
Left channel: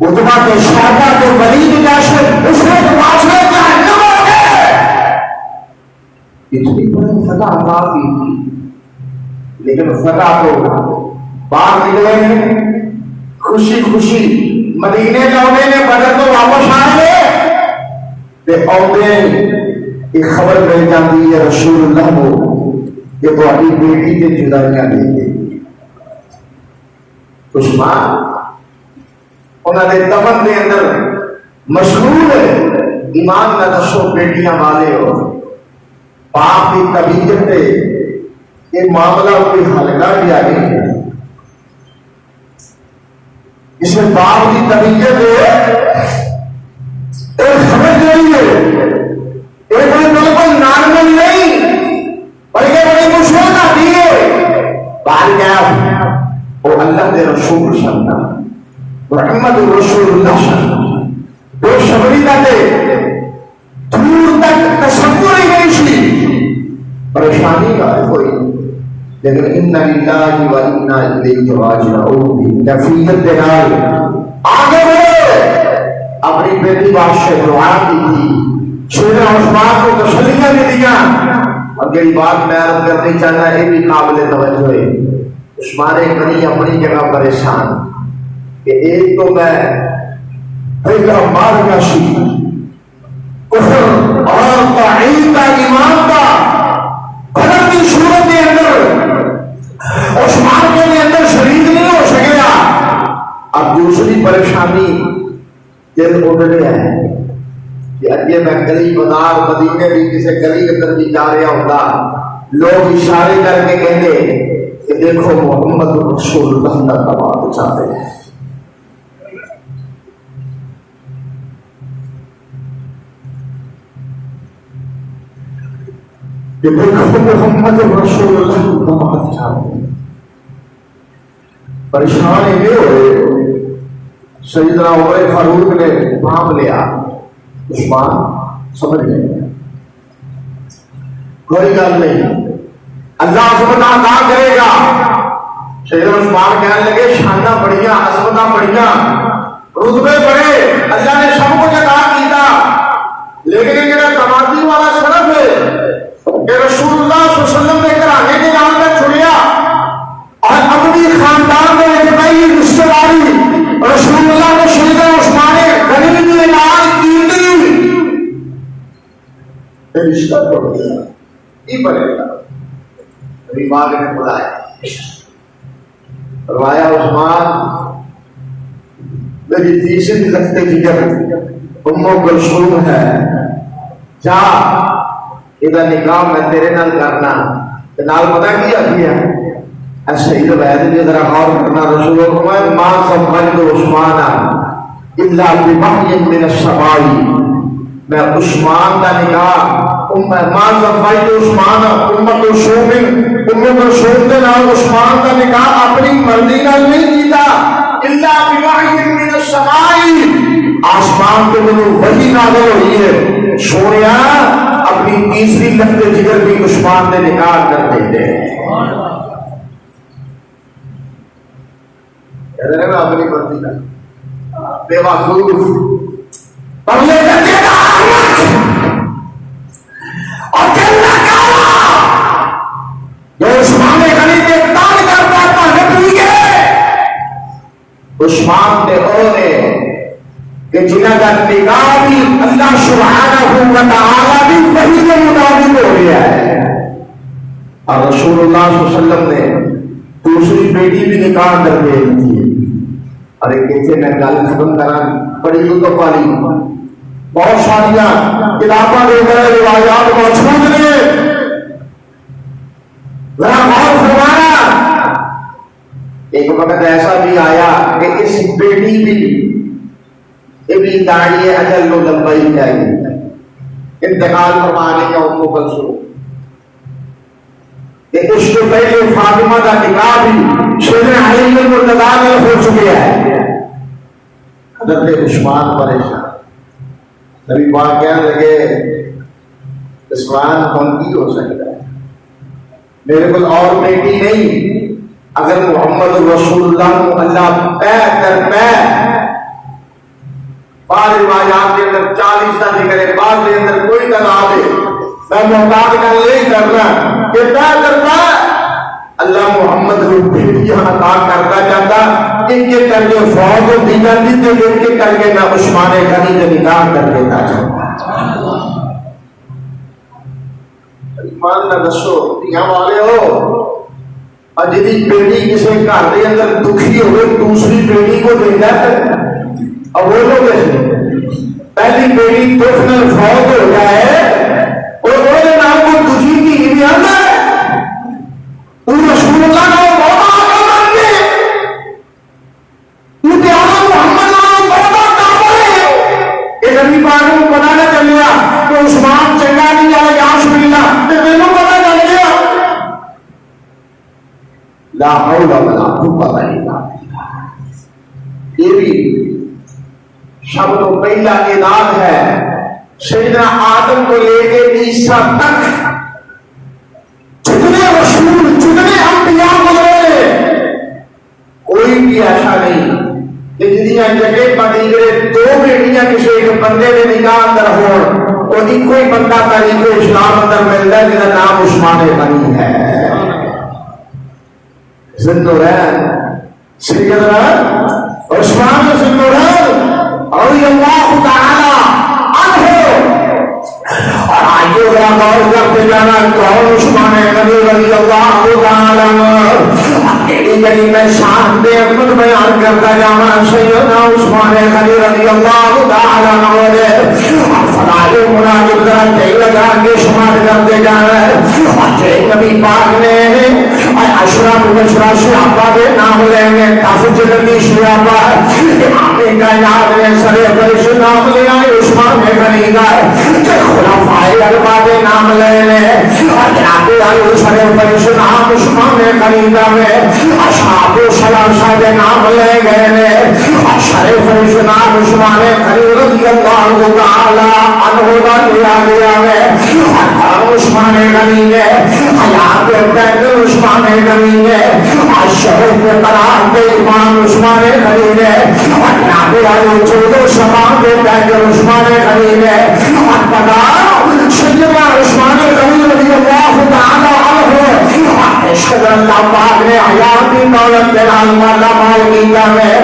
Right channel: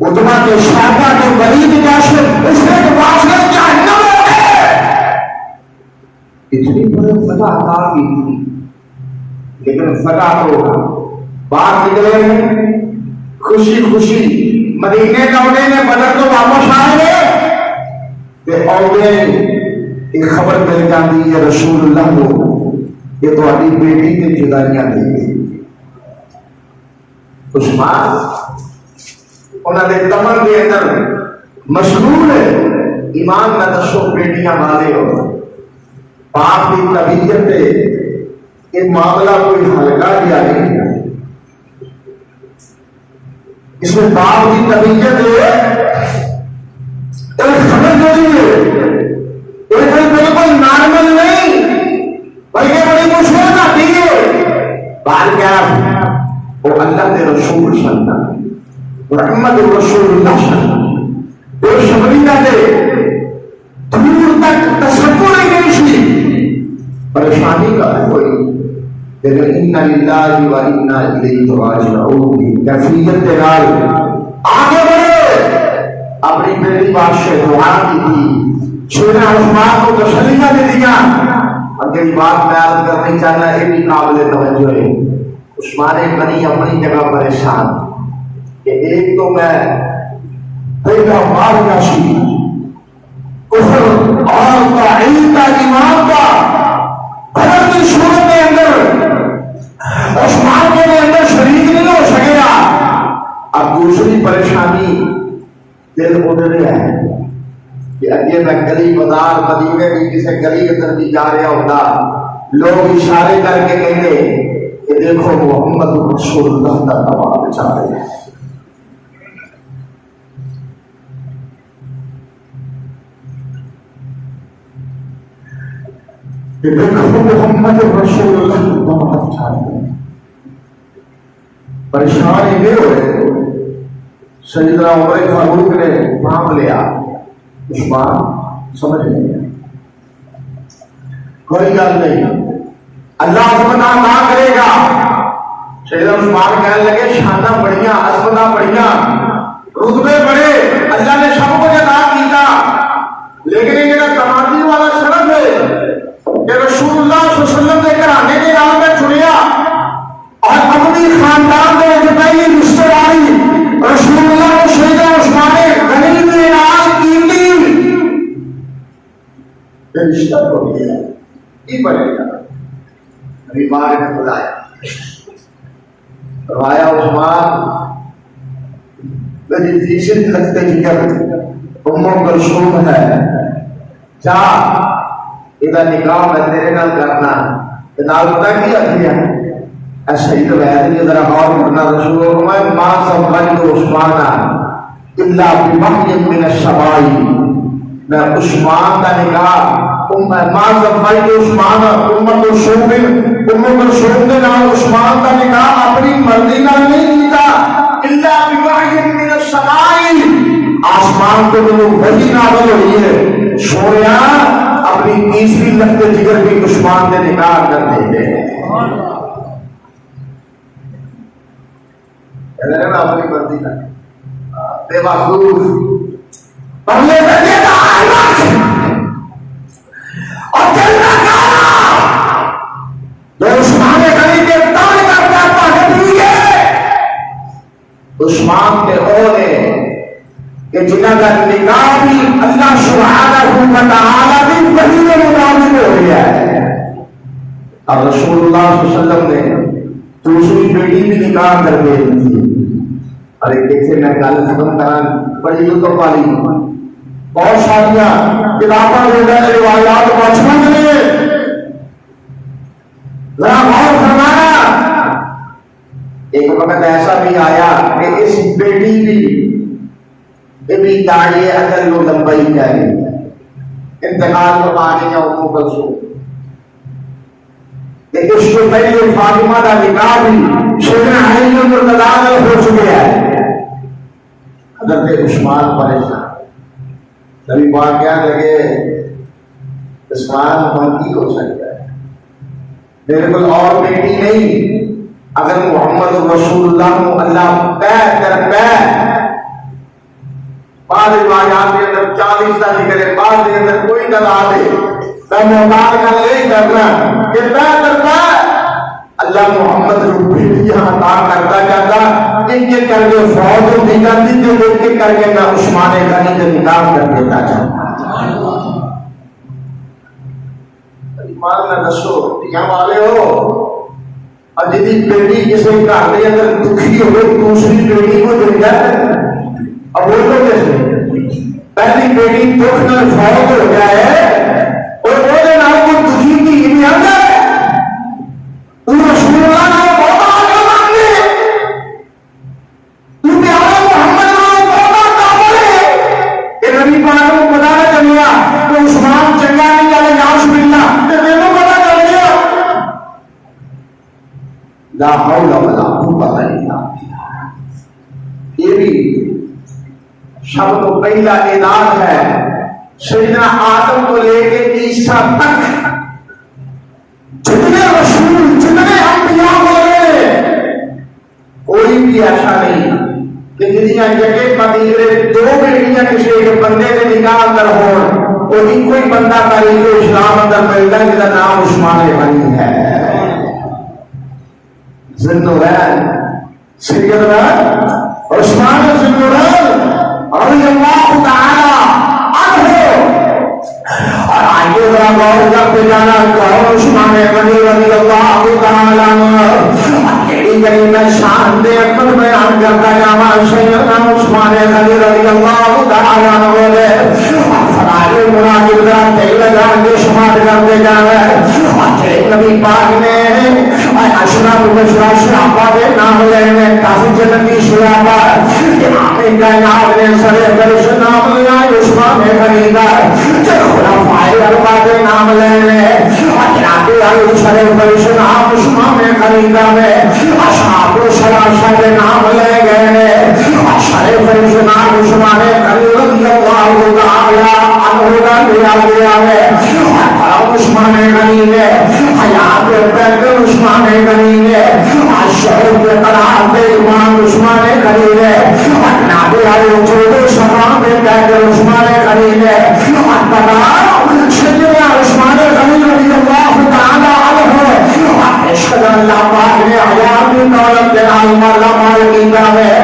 اتبا کے شہدا کے ولید جیسے اس نے معاشرے جہنم ہو گئے، اتنی بڑی فتح عطا کی تھی، لیکن فتح کو باہر نکلے ہیں خوشی خوشی مدینے لوٹے نے بدر تو واپس آئے گے تے آؤتے ایک خبر مل جاتی ہے رسول اللہ کو کہ تہاڈی بیٹی کے جدائیاں دے گئی عثمان انہوں نے دمن کے اندر مشغول ہے ایمان نہ دسو بیٹیاں والے ہو باپ کی طبیعت ہے یہ معاملہ کوئی ہلکا کیا نہیں ہے اس میں باپ کی طبیعت بالکل نارمل نہیں بلکہ بڑی مشکل آتی ہے بال کیا وہ اللہ کے رسول سننا محمد رسول اللہ سننا وہ شبری کا دے دور تک تصور ہی نہیں سی پریشانی کا کوئی لیکن اِنَّا لِلَّهِ وَإِنَّا إِلَيْهِ رَاجِعُونَ کیفیت کے نال آگے بڑھے اپنی بیٹی بات سے دعا کی تھی سیدنا عثمان کو تسلیاں دیا اور یہ بات میں عرض کرنی چاہتا ہے بھی قابل توجہ ہے عثمان غنی اپنی جگہ پریشان کہ ایک تو میں پہلا مال کا سی کفر اور تعین کا ایمان کا بدر کی صورت کے اندر عثمان کے اندر شریک نہیں ہو سکے گا اب دوسری پریشانی دل اٹھنے ہے کہ اگے میں گلی بازار مدینے بھی کسی گلی کے اندر بھی جا رہا ہوتا لوگ اشارے کر کے کہیں گے کہ دیکھو محمد رسول اللہ کا تباہ چاہتے ہیں کہ دیکھو محمد رسول اللہ کا تباہ چاہتے ہیں پریشان یہ ہوئے سیدنا عمر فاروق نے نام لیا عثمان سمجھ لیں کوئی گل نہیں اللہ عظمتہ نہ کرے گا سیدنا عثمان کہنے لگے شانہ بڑھیاں عظمتہ بڑھیاں رتبے بڑے اللہ نے سب کو عطا کیتا لیکن یہ میرا تمادی والا سبب ہے کہ رسول اللہ صلی اللہ علیہ وسلم نے گھرانے کے نام میں چنیا اور اپنی خاندان میں اتباعی رشتہ داری رسول اللہ کو سیدنا عثمان غنی نے اعلان کی یہ رشتہ پڑ گیا یہ بڑھے گا نبی پاک نے بلایا فرمایا عثمان میری تیسری لگتے جگر ام کلثوم ہے جا یہ نکاح میں تیرے نال کرنا نال پتہ کی آتی ہے ایسے ہی تو ویسے ذرا غور کرنا رسول اللہ ما سمجھ عثمان الا بمحی من الشبائی میں عثمان کا نکاح ما سمجھ عثمان ام کلثوم کے نام عثمان کا نکاح اپنی مرضی نال نہیں کیتا الا بوحی من السماء آسمان کو میں وحی نازل ہوئی ہے سویا اپنی تیسری لگتے جگر کی عثمان نے نکاح کر دیتے ہیں میں اپنی مرضی کا بے وقوف پہلے کرنے کا اور کہنا کہا جو عثمان غنی کے تال کرتا پاہت ہوئی ہے عثمان نے اونے کہ جنہ کا نکاح بھی اللہ سبحانہ و تعالی بھی وحی کے مطابق ہو گیا ہے اور رسول اللہ صلی اللہ علیہ وسلم نے دوسری بیٹی بھی نکاح کر دے تھی اور ایک کہتے ہیں گل ختم کران بڑی یوگا والی بہت ساریاں کتاباں ہو گئے روایات موجود نے ذرا غور فرمانا ایک وقت ایسا بھی آیا کہ اس بیٹی کی ابھی داڑھی اجل کو لمبائی چاہیے انتقال فرما گئی ہے ام کلثوم کہ اس کو پہلے فاطمہ کا نکاح بھی سیدنا علی مرتضیٰ ہو چکے ہیں حضرت عثمان پریشان نبی پاک کہنے لگے عثمان ہم کی ہو سکتا ہے میرے کو اور بیٹی نہیں اگر محمد رسول اللہ کو اللہ پہ کر پہ بعض روایات کے اندر 40 کا ذکر ہے بعض کے اندر کوئی تعداد ہے میں محتاط کر نہیں کرنا کہ پہ کرتا اللہ محمد روپی یہاں عطا کرتا جاتا، ایک ایک کر کے فوج ہوتی جاتی تھی، ایک ایک کر کے میں عثمان غنی کے نکاح کر دیتا جاتا۔ ایمان نہ دسو دھیاں والے ہو، اور جدی بیٹی کسی گھر کے اندر دکھی ہوئے دوسری بیٹی کو دیتا ہے، اب وہ لوگ پہلی بیٹی دکھ نال فوت ہو جائے اور وہ نام کو دکھی کی نہیں آتا وہ رسول اللہ نے بہت آگے بڑھ گئے، تو پیارا محمد نے بہت کامل ہے کہ نبی پاک کو پتا نہ چلیا تو عثمان چنگا نہیں چلے گا شبیلا تو میرے پتا چل گیا۔ لا حول ولا قوت الا باللہ، یہ بھی سب کو پہلا اعلان ہے سیدنا آدم کو لے کے عیسیٰ تک جتنے رسول جتنے انبیاء بولے کوئی بھی ایسا نہیں کہ جدیاں جگہ مدینے دو بیٹیاں کسی ایک بندے کے نکاح اندر ہو اور ایک کوئی بندہ تاریخ اسلام اندر ملتا ہے جس کا نام عثمان غنی ہے۔ زندورین سیدنا عثمان زندورین رضی اللہ تعالی عنہ، اور آئیے ذرا غور کرتے جانا کون عثمان غنی رضی اللہ تعالی عنہ، تیری گلی میں شان دے اکبر بیان کرتا جانا سیدنا عثمان غنی رضی اللہ تعالی عنہ دے فرائض مناجب کا تیل لگا کے شمار کرتے جانا ہے۔ نبی پاک نے اشرف البشر صحابہ کے نام لینے کافی جنتی صحابہ امام کائنات نے سرے فرش نام لیا عثمان غنی کا، خلفائے اربعہ کے نام لینے جناب علی سرے فرش نام عثمان غنی کا میں اصحاب ثلاثہ کے نام لے گئے، سرے فرش نام عثمان غنی رضی اللہ تعالی عنہ کا لیا گیا ہے۔ عثمان غنی نے حیات پہلے عثمان غنی نے شہر کے قرار دے امام عثمان غنی نے جناب والے چودہ شمام کے پہلے عثمان غنی نے پتا سیدنا عثمان غنی رضی اللہ تعالی عنہ عشق اللہ پاک نے حیات دولت کے نام مالا مال کیا ہے۔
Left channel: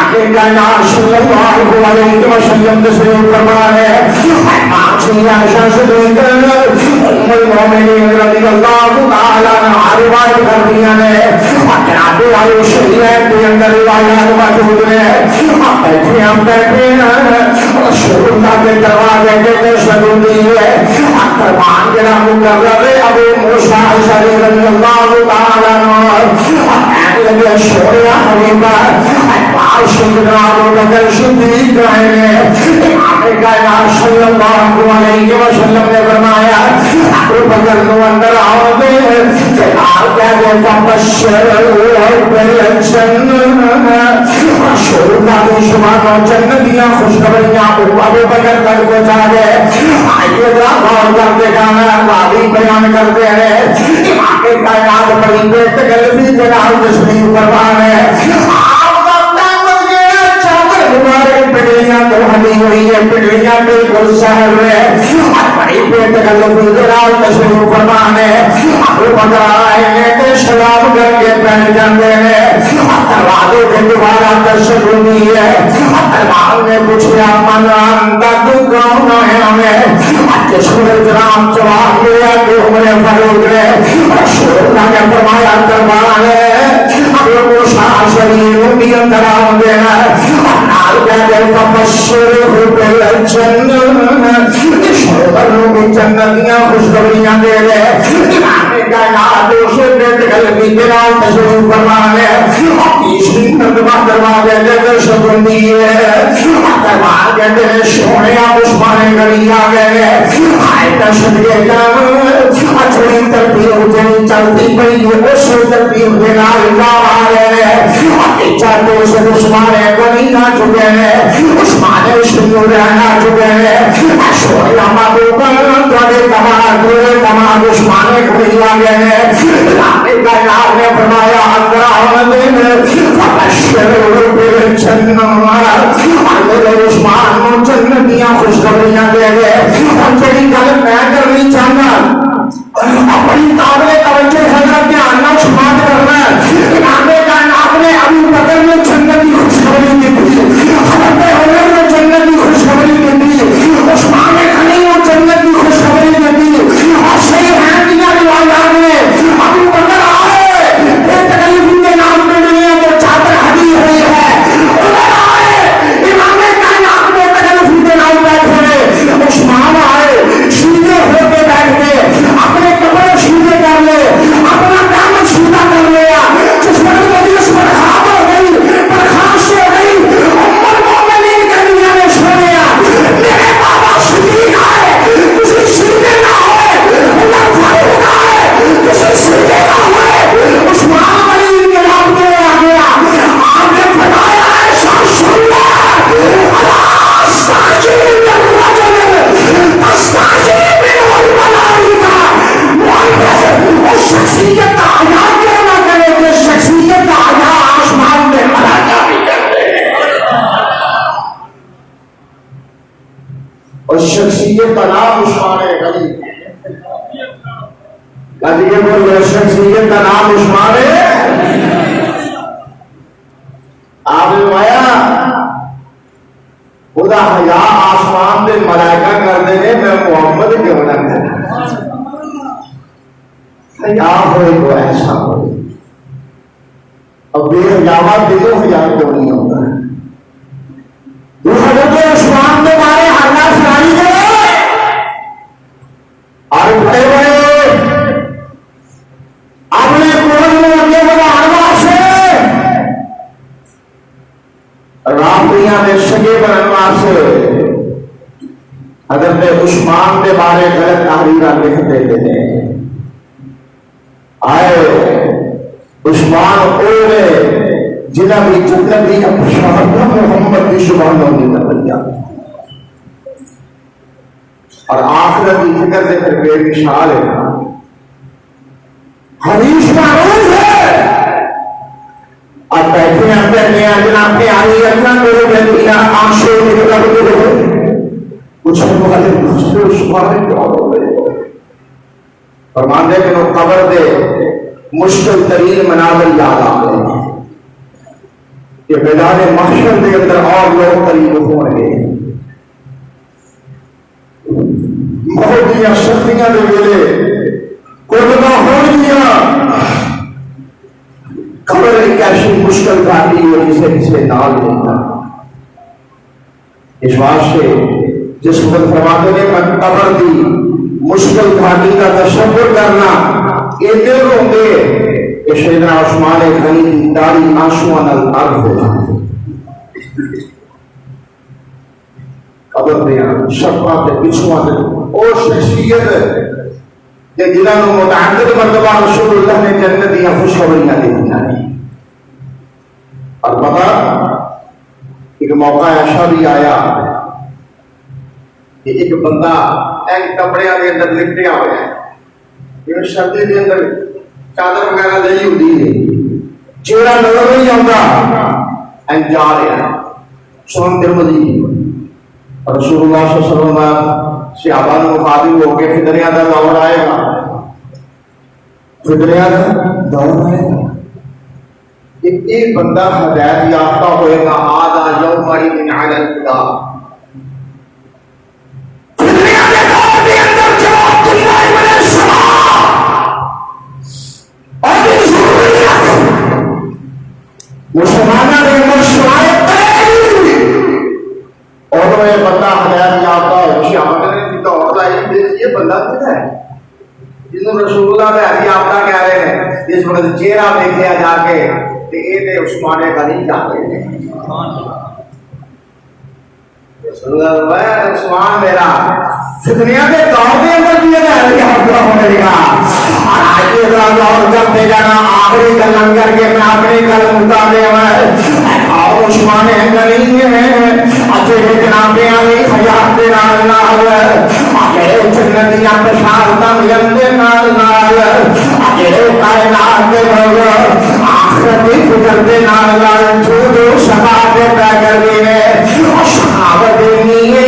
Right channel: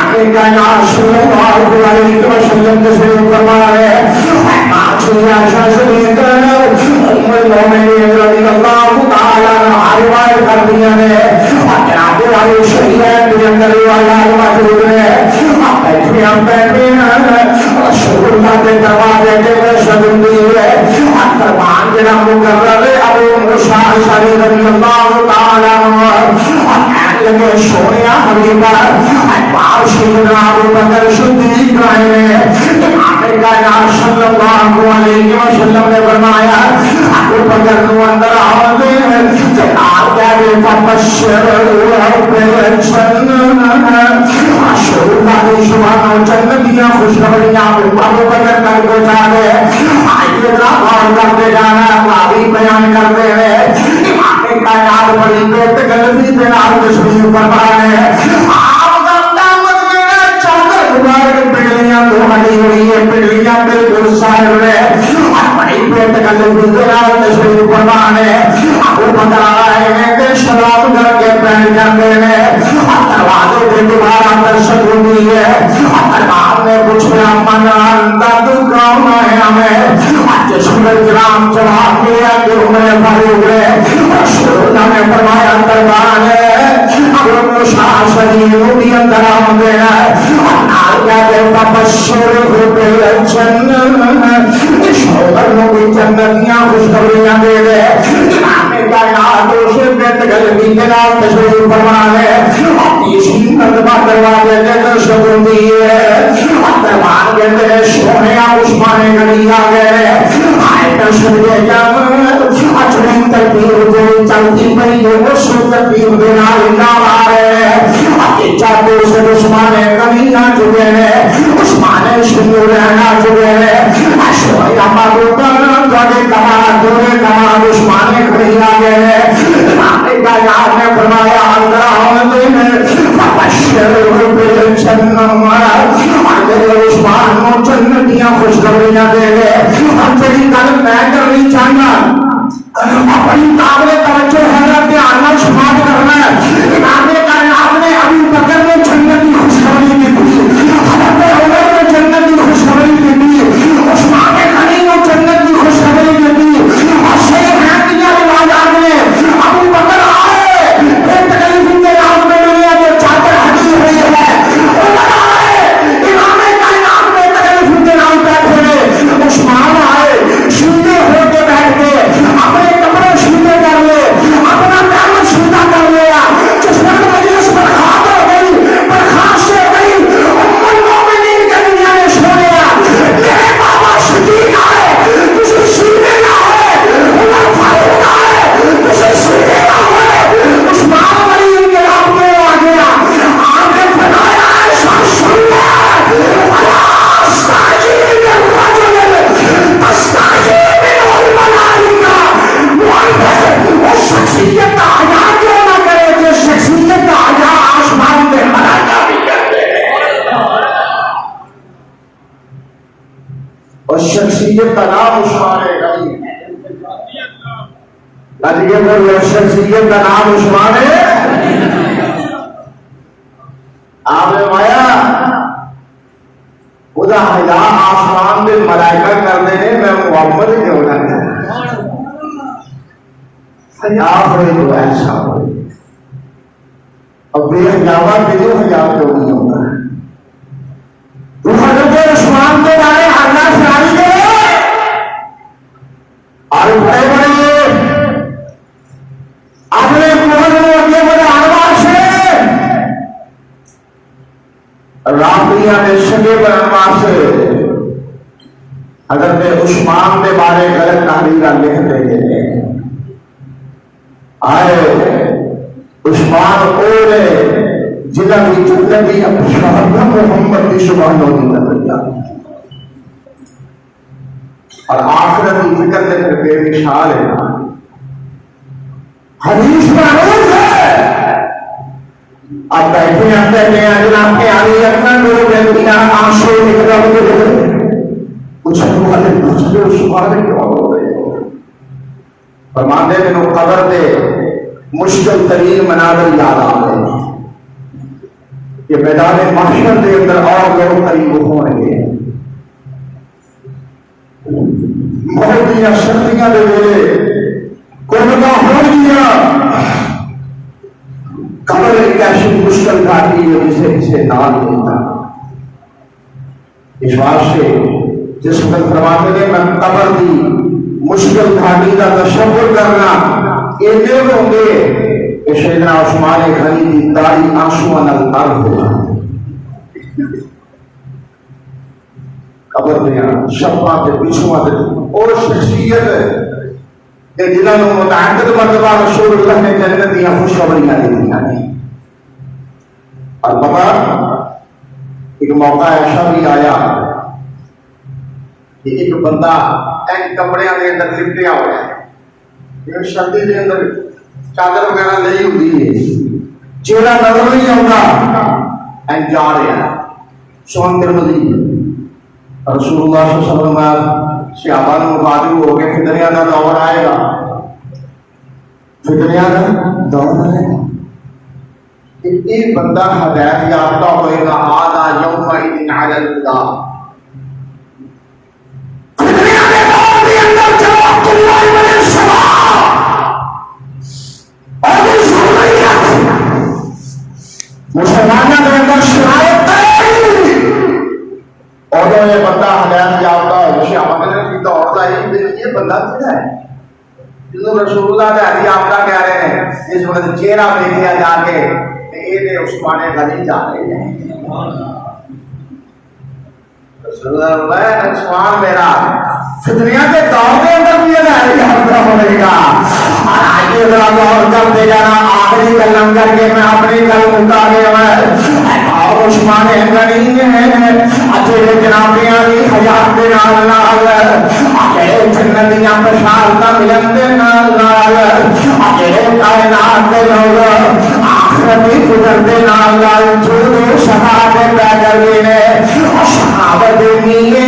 آگے کائنات صلی اللہ علیہ وسلم کے سلام فرمائے ام المومنین رضی اللہ تعالی عنہ روایت کر دیا نے جناب والے شہیدین کے اندر روایات موجود نے ہم بیٹھے رسول اللہ کے دروازے کے تشہد دیے دربان کے نام مقرر ابو موسیٰ اشعری رضی اللہ تعالی عنہ سونے حبیبہ سیدنا ابو بکر صدیق رہے امام کائنات صلی اللہ علیہ وسلم نے فرمایا ابو بکر کو اندر آؤ دے آپ کہتے فبشر بالجنہ رسول اللہ کی شبان و جنتیاں خوشخبریاں ابو بکر کر کو چاہے آئیے غور کرتے جانا تعریف بیان کرتے ہیں امام کائنات بڑی بیت قلبی جناب تشریف فرما ہے پڑھلیاں تو ہڈی ہوئی ہے پڑھلیاں بالکل ظاہر ہے بڑی پیٹ قلبی جناب تشریف فرما ہے ابو بکر آئے ہیں کہ شراب کر کے بیٹھ جاتے ہیں دروازے کے دوبارہ درشک ہوئی ہے دربار نے پوچھا من انتا تو کون ہے ہمیں سورج رام جواب دیا کہ عمر فاروق ہے رسول اللہ نے فرمایا دربار ہے ابو موسیٰ شریف بھی اندر آمدے ہیں نال کہتے فبشر بالجنہ شہدوں کی جنتیاں خوشخبریاں دے دے امام کائنات اسے بیت قلبی جناب تشریف فرما ہے تیسری مرتبہ دروازے کے درشک ہوئی ہے دربار کہتے ہیں سونے عثمان غنی آ گئے آئے تشریف اچھوئی ترتیب جنی چلتی پئی اس ترتیب دینا اللہ آ رہے ہیں چاہتے اسے عثمان غنی آ چکے ہیں عثمان شنور رہنا چکے ہیں اشوئی اما بوپر دوڑے کمال عثمان غنی آ گئے ہیں رانے کا نام نے فرمایا اندر آنے فبشر بالجنہ اندر عثمان جنتیاں خوشخبریاں دے گئے ہم تیری گل میں کرنی چاہنا اپنی قابل توجہ ہے دھیان نہ شخصیت کا نام عثمان غنی، شخصیت کا نام عثمان آپ نے مایا خدا حیا آسمان دے ملائکہ کر دے میں محمد کیوں نہ کروں، حیا ہوئے تو ایسا ہوئے، اب بے حیاوہ دلوں حیا کیوں نہیں ہوگا؟ حضرت عثمان کے بارے اللہ سنائی دے اور بڑے بڑے اپنے کون میں اپنے بڑے آواز سے رابطیاں میں سجے پر انوار سے حضرت عثمان کے بارے غلط تحریرہ لکھتے تھے، آئے عثمان اوڑے جنہ بھی جنت دی شہادت محمد کی سبحان اللہ دیا اور آخرت کی فکر سے پھر بے مثال ہے، حدیث معروف ہے، اب بیٹھے ہیں کہتے ہیں جناب کے آگے اتنا لوگ ہیں دنیا آنسو نکلا ہوئے کچھ والے مسئلے سبحان اللہ فرماندے کہ قبر دے مشکل ترین مناظر یاد آ گئے کہ میدان محشر کے اندر اور لوگ قریب ہوں گے، موت دیا شکریاں دے ویلے قربہ ہو گیا، قبر ایک ایسی مشکل گاڑی ہو جسے کسی نال لیتا، اس واسطے جس وقت فرماتے ہیں میں قبر دی مشکل گاڑی کا تصور کرنا یہ دیر ہوں گے کہ سیدنا عثمان غنی کی داڑھی آنسو نال ارد ہو جاتی، قبر میں شفاں تے پچھواں تے اور شخصیت کہ جنہوں نے متعدد مرتبہ رسول اللہ نے جنت دیا خوشخبریاں دی ہیں، اور پتا ایک موقع ایسا بھی آیا کہ ایک بندہ ایک کپڑے کے اندر لپٹیا ہوا ہے، یہ سردی کے اندر چادر وغیرہ نہیں ہوتی ہے، چہرہ نظر نہیں آتا، جا رہا سون ترمذی رسول اللہ صلی اللہ علیہ وسلم صحابہ نے مخاطب ہو کے فتنیاں کا دور آئے گا، فتنیاں کا دور آئے گا، ایک بندہ ہدایت یافتہ ہوئے گا، آدھا یوم عید علی الہدا، فتنیاں کے دور کے اندر جواب اللہ علیہ السلام اور مسلمانوں کے اندر شرائط اور یہ بندہ ہدایت یافتہ ہو جسے ہم نے دور آئی یہ بندہ کیا ہے جنہوں رسول اللہ نے ہدایت یافتہ کہہ رہے ہیں، جس وقت چہرہ دیکھا جا کے کہ یہ عثمان غنی جا رہے ہیں، رسول اللہ عثمان میرا فتنیاں کے دور کے اندر بھی ہدایت یافتہ ہونے گا، اور آگے غور کرتے جانا، آخری کلم کر کے میں اپنی کلم اتارے ہوئے اور عثمان غنی میں اجے جناب علی حیات دے نال نال اجے جنت دیاں بشارتاں ملن دے نال نال اجے کائنات دے لوگ آخرت دی فکر دے نال نال جو صحابہ کا کرے صحابہ دے نیے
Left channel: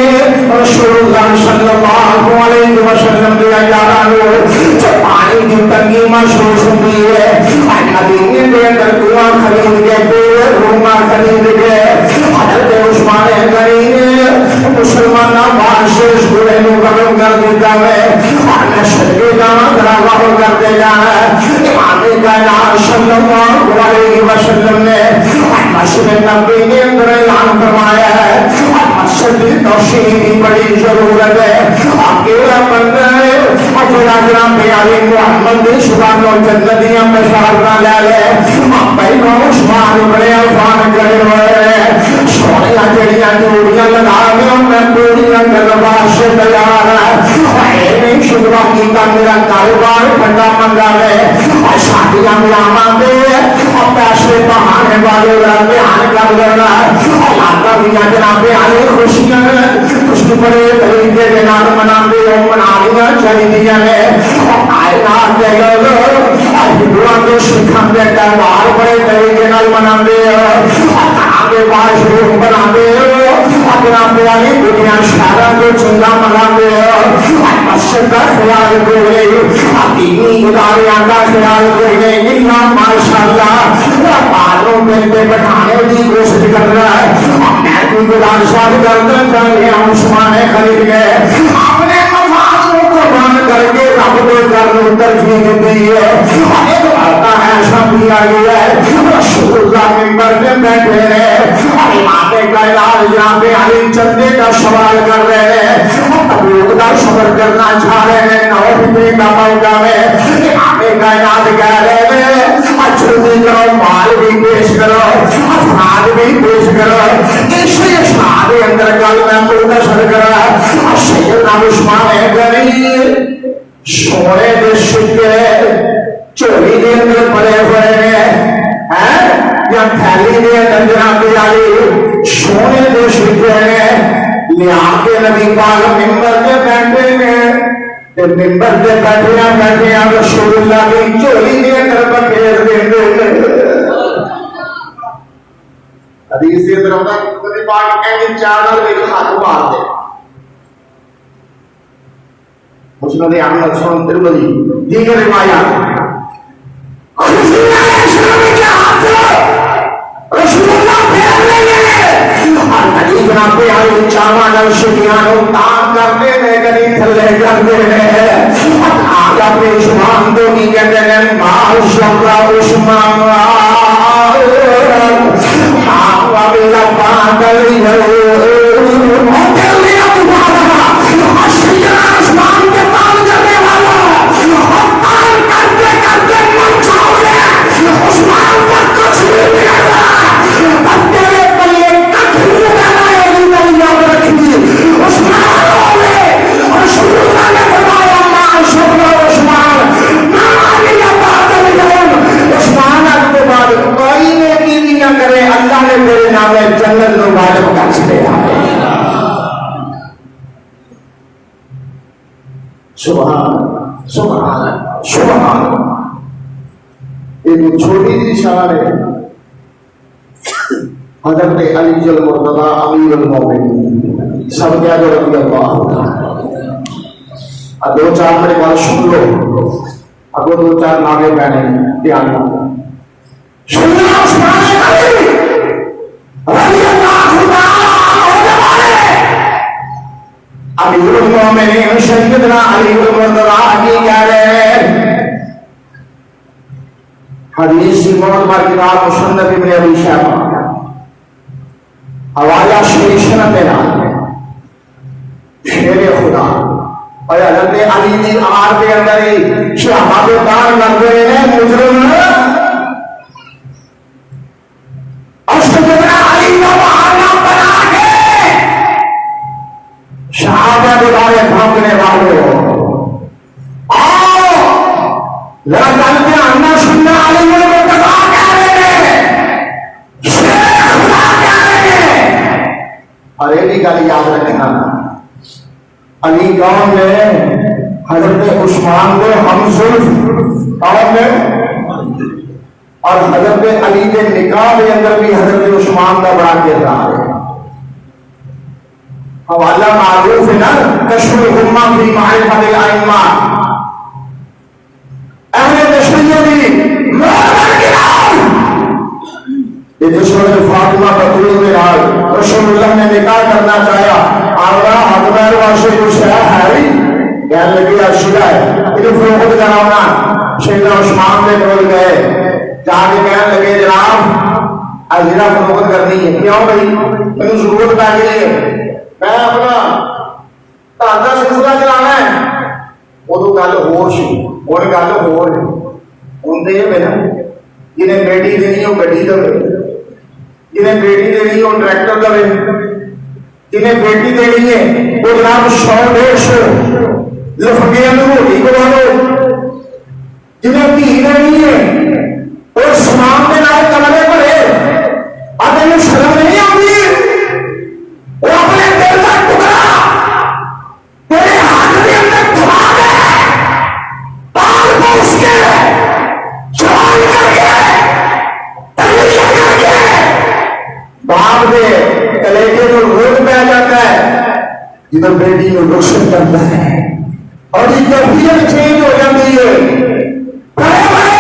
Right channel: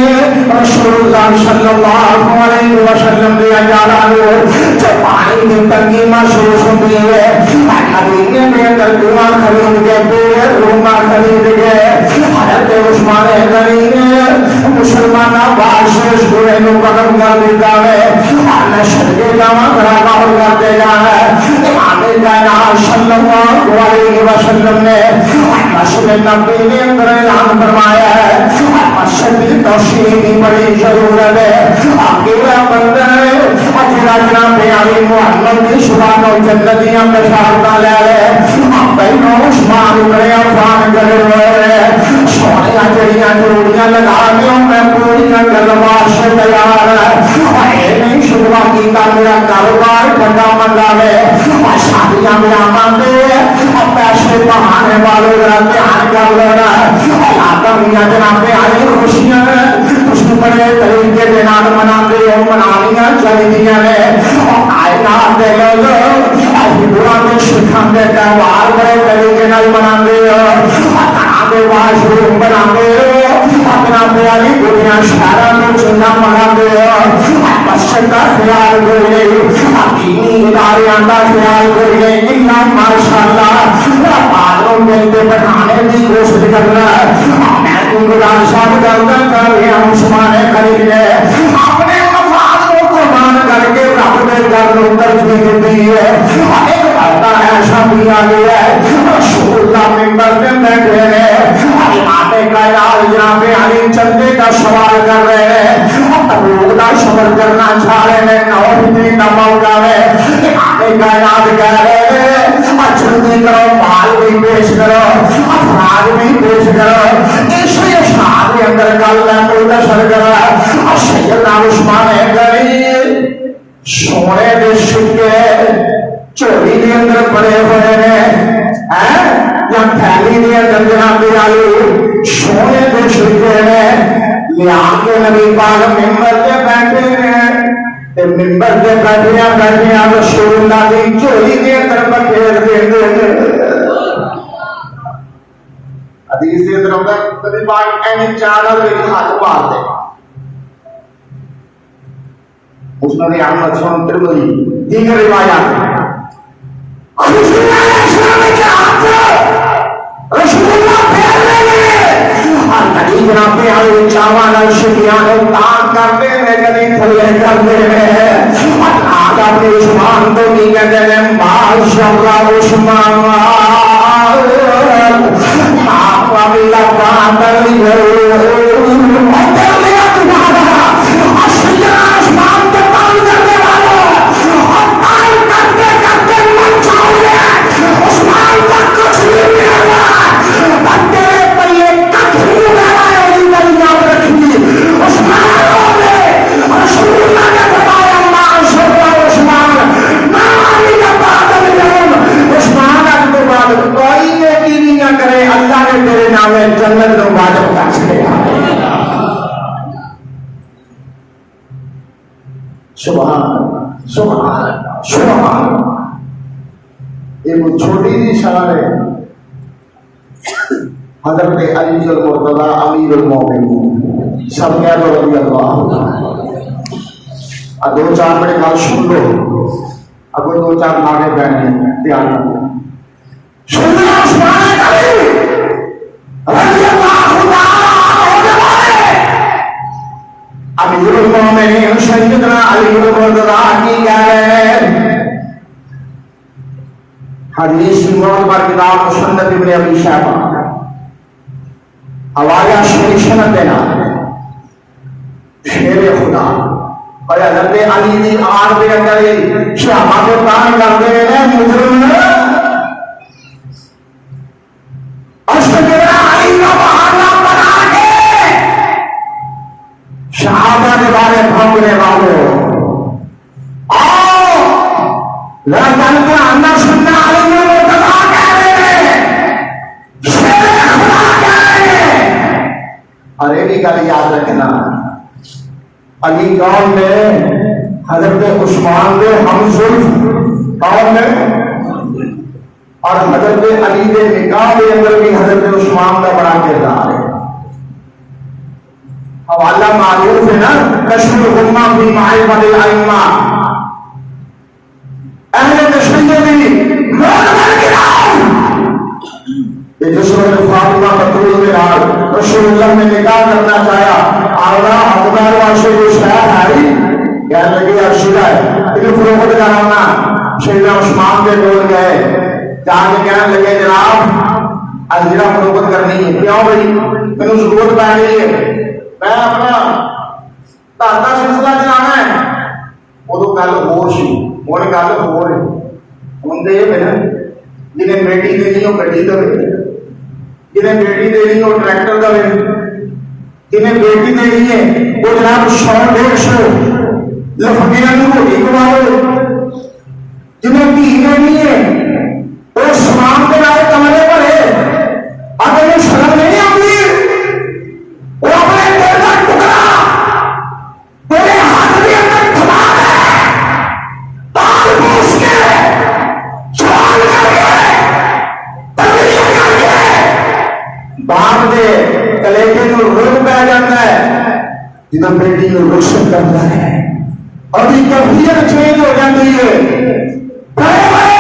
رسول اللہ صلی اللہ علیہ وسلم دے جانو جب پانی کی تنگی محسوس ہوتی ہے مدینے کے اندر دعا خرید کے پورے روما خرید کے حضرت عثمان غنی نے مسلمانوں بادشاہ سورے نو ختم کر دیتا ہے، اللہ شرکے کا گراوا کرتے جانا ہے، امام کائنات صلی اللہ علیہ وسلم نے مسجد نبوی کے اندر اعلان فرمایا ہے مسجد کی توسیع کی بڑی ضرورت ہے، اکیلا بندہ ہے جناب علی محمد کی سبحان و جنتیاں بشارتاں لے لے پہلو عثمان بڑے عفان کرے ہوئے سونے جڑیاں ڈوڑیاں لگا لیا میں پوریا گلبار سے تیار ہے، نہیں شکرا کیتا میرا کاروبار ٹھنڈا منگا ہے اور شادیاں ملاما دے اور پیسے بہانے والے دھیان کر لینا علاقہ میاں جناب علی خوشیاں اس بڑے طریقے کے نام مناتے ہو منالیاں چاہیے اور کائنات دے لوگ اور ہندوؤں کے سکھان کے تہوار بڑے طریقے نال مناتے ہو اور واش روم بناتے ہو اپنا پیاری دنیا شہروں کو چنگا مناتے ہو کے بٹھانے کی کوشش کر رہا ہے. میں کوئی گزارشات کرنا چاہ رہا ہوں عثمان غنی نے اپنے مفاد کو قربان کر کے رب نے گھر ترجیح دی ہے. ایک آتا ہے شبی آئی ہے رسول اللہ ممبر پہ بیٹھے ہیں اور امام کائنات جناب علی چندے کا سوال کر رہے ہیں تبوک کا سفر کرنا چاہ رہے ہیں نوفی کا موقع ہے. امام کائنات کہہ رہے ہیں جلدی کرو مال بھی پیش کرو افراد بھی پیش کرو. اسی اشعار کے اندر گل میں تو نشر کرا اور سیدنا عثمان غنی سونے دے سکے چوری کے اندر پڑے ہوئے ہیں یا تھیلی کے اندر جناب علی سونے دے سکے ہیں لیا کے نبی پاک ممبر پہ بیٹھے ہیں. ممبر پہ بیٹھے رسول اللہ کی چوری کے اندر بکھیر دیں گے. حدیث کے اندر ہوتا ہے نبی پاک این چادر کے ہاتھ مار دے. مسند احمد سنن ترمذی دیگر روایات رسول اللہ پھیر لے اور نبی جناب علی چاوان اور شکیان تان کرتے ہیں کبھی تھلے کرتے ہیں. آج اپنے عثمان کو نہیں کہتے ہیں ماشاءاللہ عثمان آپ ابھی لبا دلی جنت میں واجب کر سکے. سبحان سبحان سبحان. ایک چھوٹی سی شان ہے حضرت علی المرتضی امیر المومنین سب کا جو رضی اللہ تعالی. اب دو چار میرے گال سن لو اب دو چار مانے بہنے دھیان رکھو. سن لو عثمان غنی رضی اللہ تعالی امیر المومنین سیدنا علی المرتضی کی کہہ رہے ہیں. حدیث معتبر کتاب مسند ابن ابی شیبہ حوالہ شریف سند دینا شیر خدا اور حضرت علی دی آر کے اندر ہی شہامت دان کرتے ہیں مجرم اور سیدنا علی کو بہانا بنا کے شہادت کے بارے بھونکنے والوں آؤ لڑکن کے آنا سننا علی مرتضی کہہ رہے ہیں شیر خدا کہہ رہے ہیں. اور ایک ہی گل یاد رکھنا علی کون نے حضرت عثمان نے ہم زلف کون نے اور حضرت علی کے نکاح کے اندر بھی حضرت عثمان کا بڑا کردار ہے. حوالہ معروف ہے نا کشف الامہ فی معرفت الائمہ اہل کشمیر بھی یہ جو سورۃ فاطمہ بطول میں آئی رسول اللہ نے نکاح کرنا چاہیا آگا حقدار واسے جو شہر ہے کہنے لگی ارشدہ ہے یہ جو فروخت کراؤنا سیدنا عثمان کے ٹول گئے جا کے کہنے لگے جناب ازرا فروخت کرنی ہے. کیوں بھائی میں ضرورت پا گئی ہے میں اپنا تاتا سلسلہ چلانا ہے. وہ تو گل ہور سی ہوں گل ہور ہوں تو یہ کہنا جنہیں بیٹی دینی ہو گڈی دے جنہیں بیٹی دینی ہو ٹریکٹر دے جنہیں بیٹی دینی ہے وہ جناب 100-150 لفٹیاں ہوگی کرو. جنہیں دھی دینی ہے وہ سلام کے نام کمرے پڑے اگر شرم نہیں آتی وہ اپنے دل کا ٹکڑا تیرے ہاتھ کے اندر تھما دے پال پوس کے سوال کر کے تربیت کر کے باپ دے کلیجے کو روک پہ جاتا ہے جدھر بیٹی کو روشن کرتا ہے اور یہ کیفیت چینج ہو جاتی ہے. بڑے بڑے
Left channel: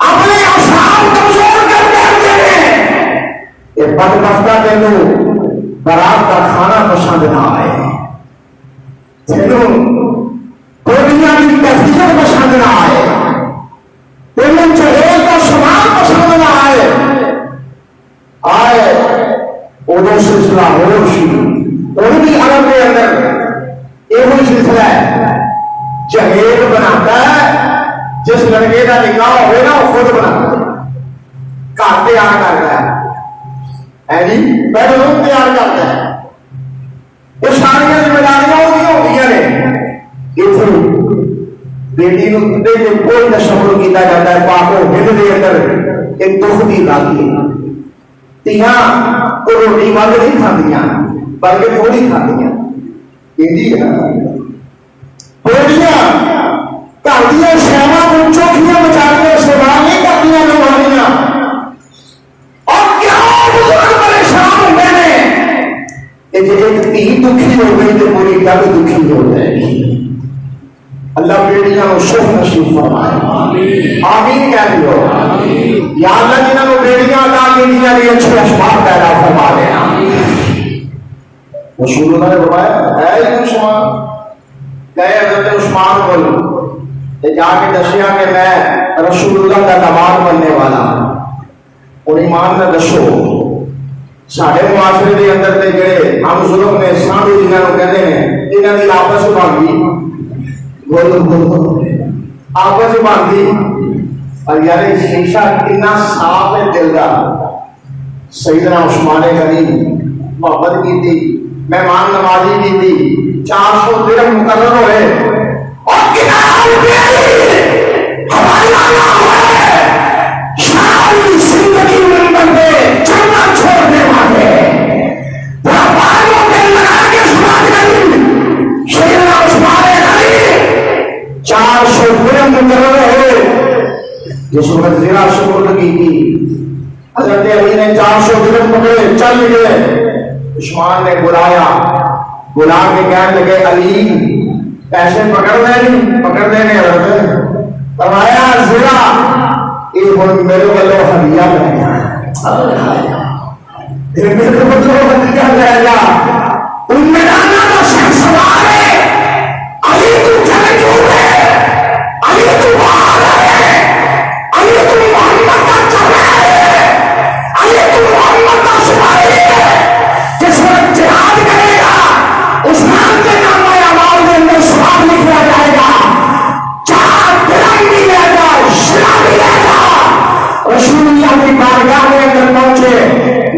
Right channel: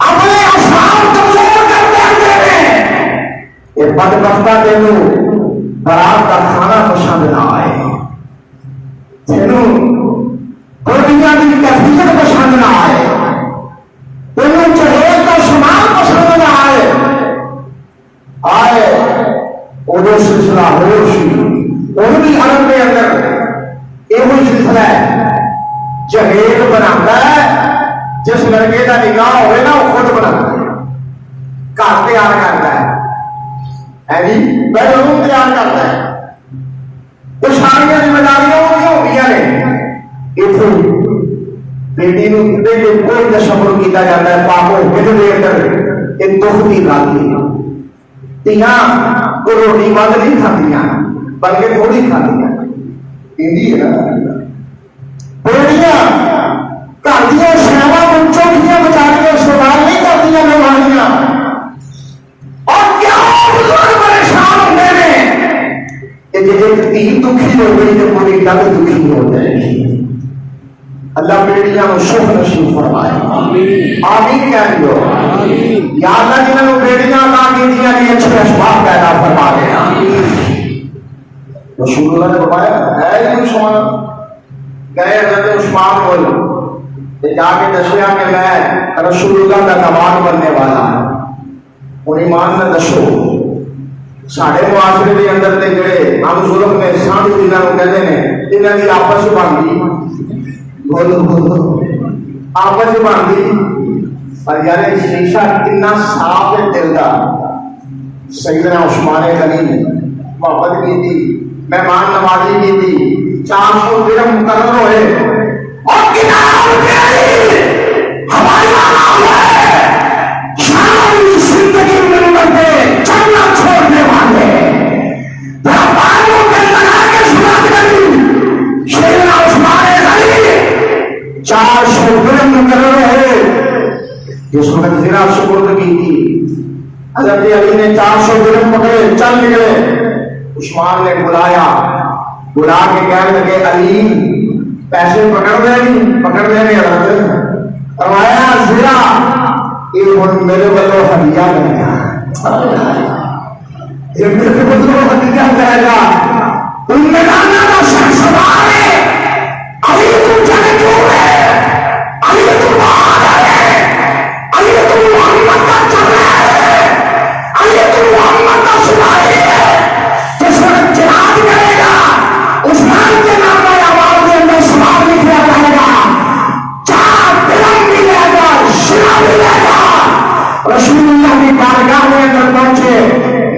اپنے اشعار کمزور کر کے کہ بدبختہ تینوں برات کا کھانا پسند نہ آئے، تینوں دنیا کی تفریح پسند نہ آئے، تینوں جہیز کا سامان پسند نہ آئے ادو سلسلہ ہو سی ان کی عرب کے اندر یہ سلسلہ ہے جہیز بناتا ہے جس لڑکے کا نکاح ہوئے نا وہ خود بناتا ہے، گھر تیار کرتا ہے جی، پہلے روم تیار کرتا ہے، وہ ساری ذمہ داریاں ہوئی نے اتنے بیٹی کو کوئی تصور کیا جاتا ہے پاپو ہند دے اندر ایک دکھ کی گل تیاں وہ روٹی بند نہیں کھاندیاں بلکہ تھوڑی کھاندیاں بیٹیاں گھر دیا شہروں کو چوکیاں بچا کے استعمال نہیں کرتی مہمانیاں، اور کیا بزرگ پریشان ہوتے ہیں کہ جب ایک تھی دکھی ہو گئی تو پوری گل دکھی ہو جائے گی۔ اللہ بیٹیاں کو شف نصیب فرمائے، آمین کہہ دیو، یا اللہ جنہوں نے بیٹیاں عطا کیتیاں دی اچھے اسباب پیدا فرما دے۔ رسول اللہ نے فرمایا اے عثمان، گئے حضرت عثمان بول جا کے دسیا کہ میں رسول اللہ کا داماد بننے والا، ان ایمان نے دسو سارے معاشرے کے اندر تے جڑے ہم ظلم نے سانڈو جنہاں نوں کہندے نے انہاں دی آپس بن گئی، بولو آپس بن گئی، اور یار شیشہ کتنا صاف ہے دل کا۔ سیدنا عثمان غنی محبت کی تھی، مہمان نوازی کی تھی، 400 درہم مقرر ہوئے اور جناب ہمارا نام ہے ساری زندگی میں بندے چلنا چھوڑنے والے کے لڑا کے سنات کری سیدنا عثمان غنی 400 درہم مقرر ہوئے جس وقت زرا سپرد کی تھی، حضرت علی نے 400 درہم پکڑے چل گئے، عثمان نے بلایا، بلا کے کہنے لگے علی پیسے پکڑنے میں فرمایا زرا یہ میرے بلو ہدیہ بنے گا، میرے بلو ہدیہ جائے گا، ان میں لانا کا شخص ہے علی تو جگہ جو ہے، علی تو باہر ہے، علی تو محمد کا چل ہے، علی تو محمد کا سپاہی ہے، جس وقت جہاد کرے گا عثمان کے نام میں آواز کے اندر سواب لکھا جائے گا، 4 درہم ملے گا، شرا ملے گا۔ رسول اللہ کی بارگاہ میں اندر پہنچے،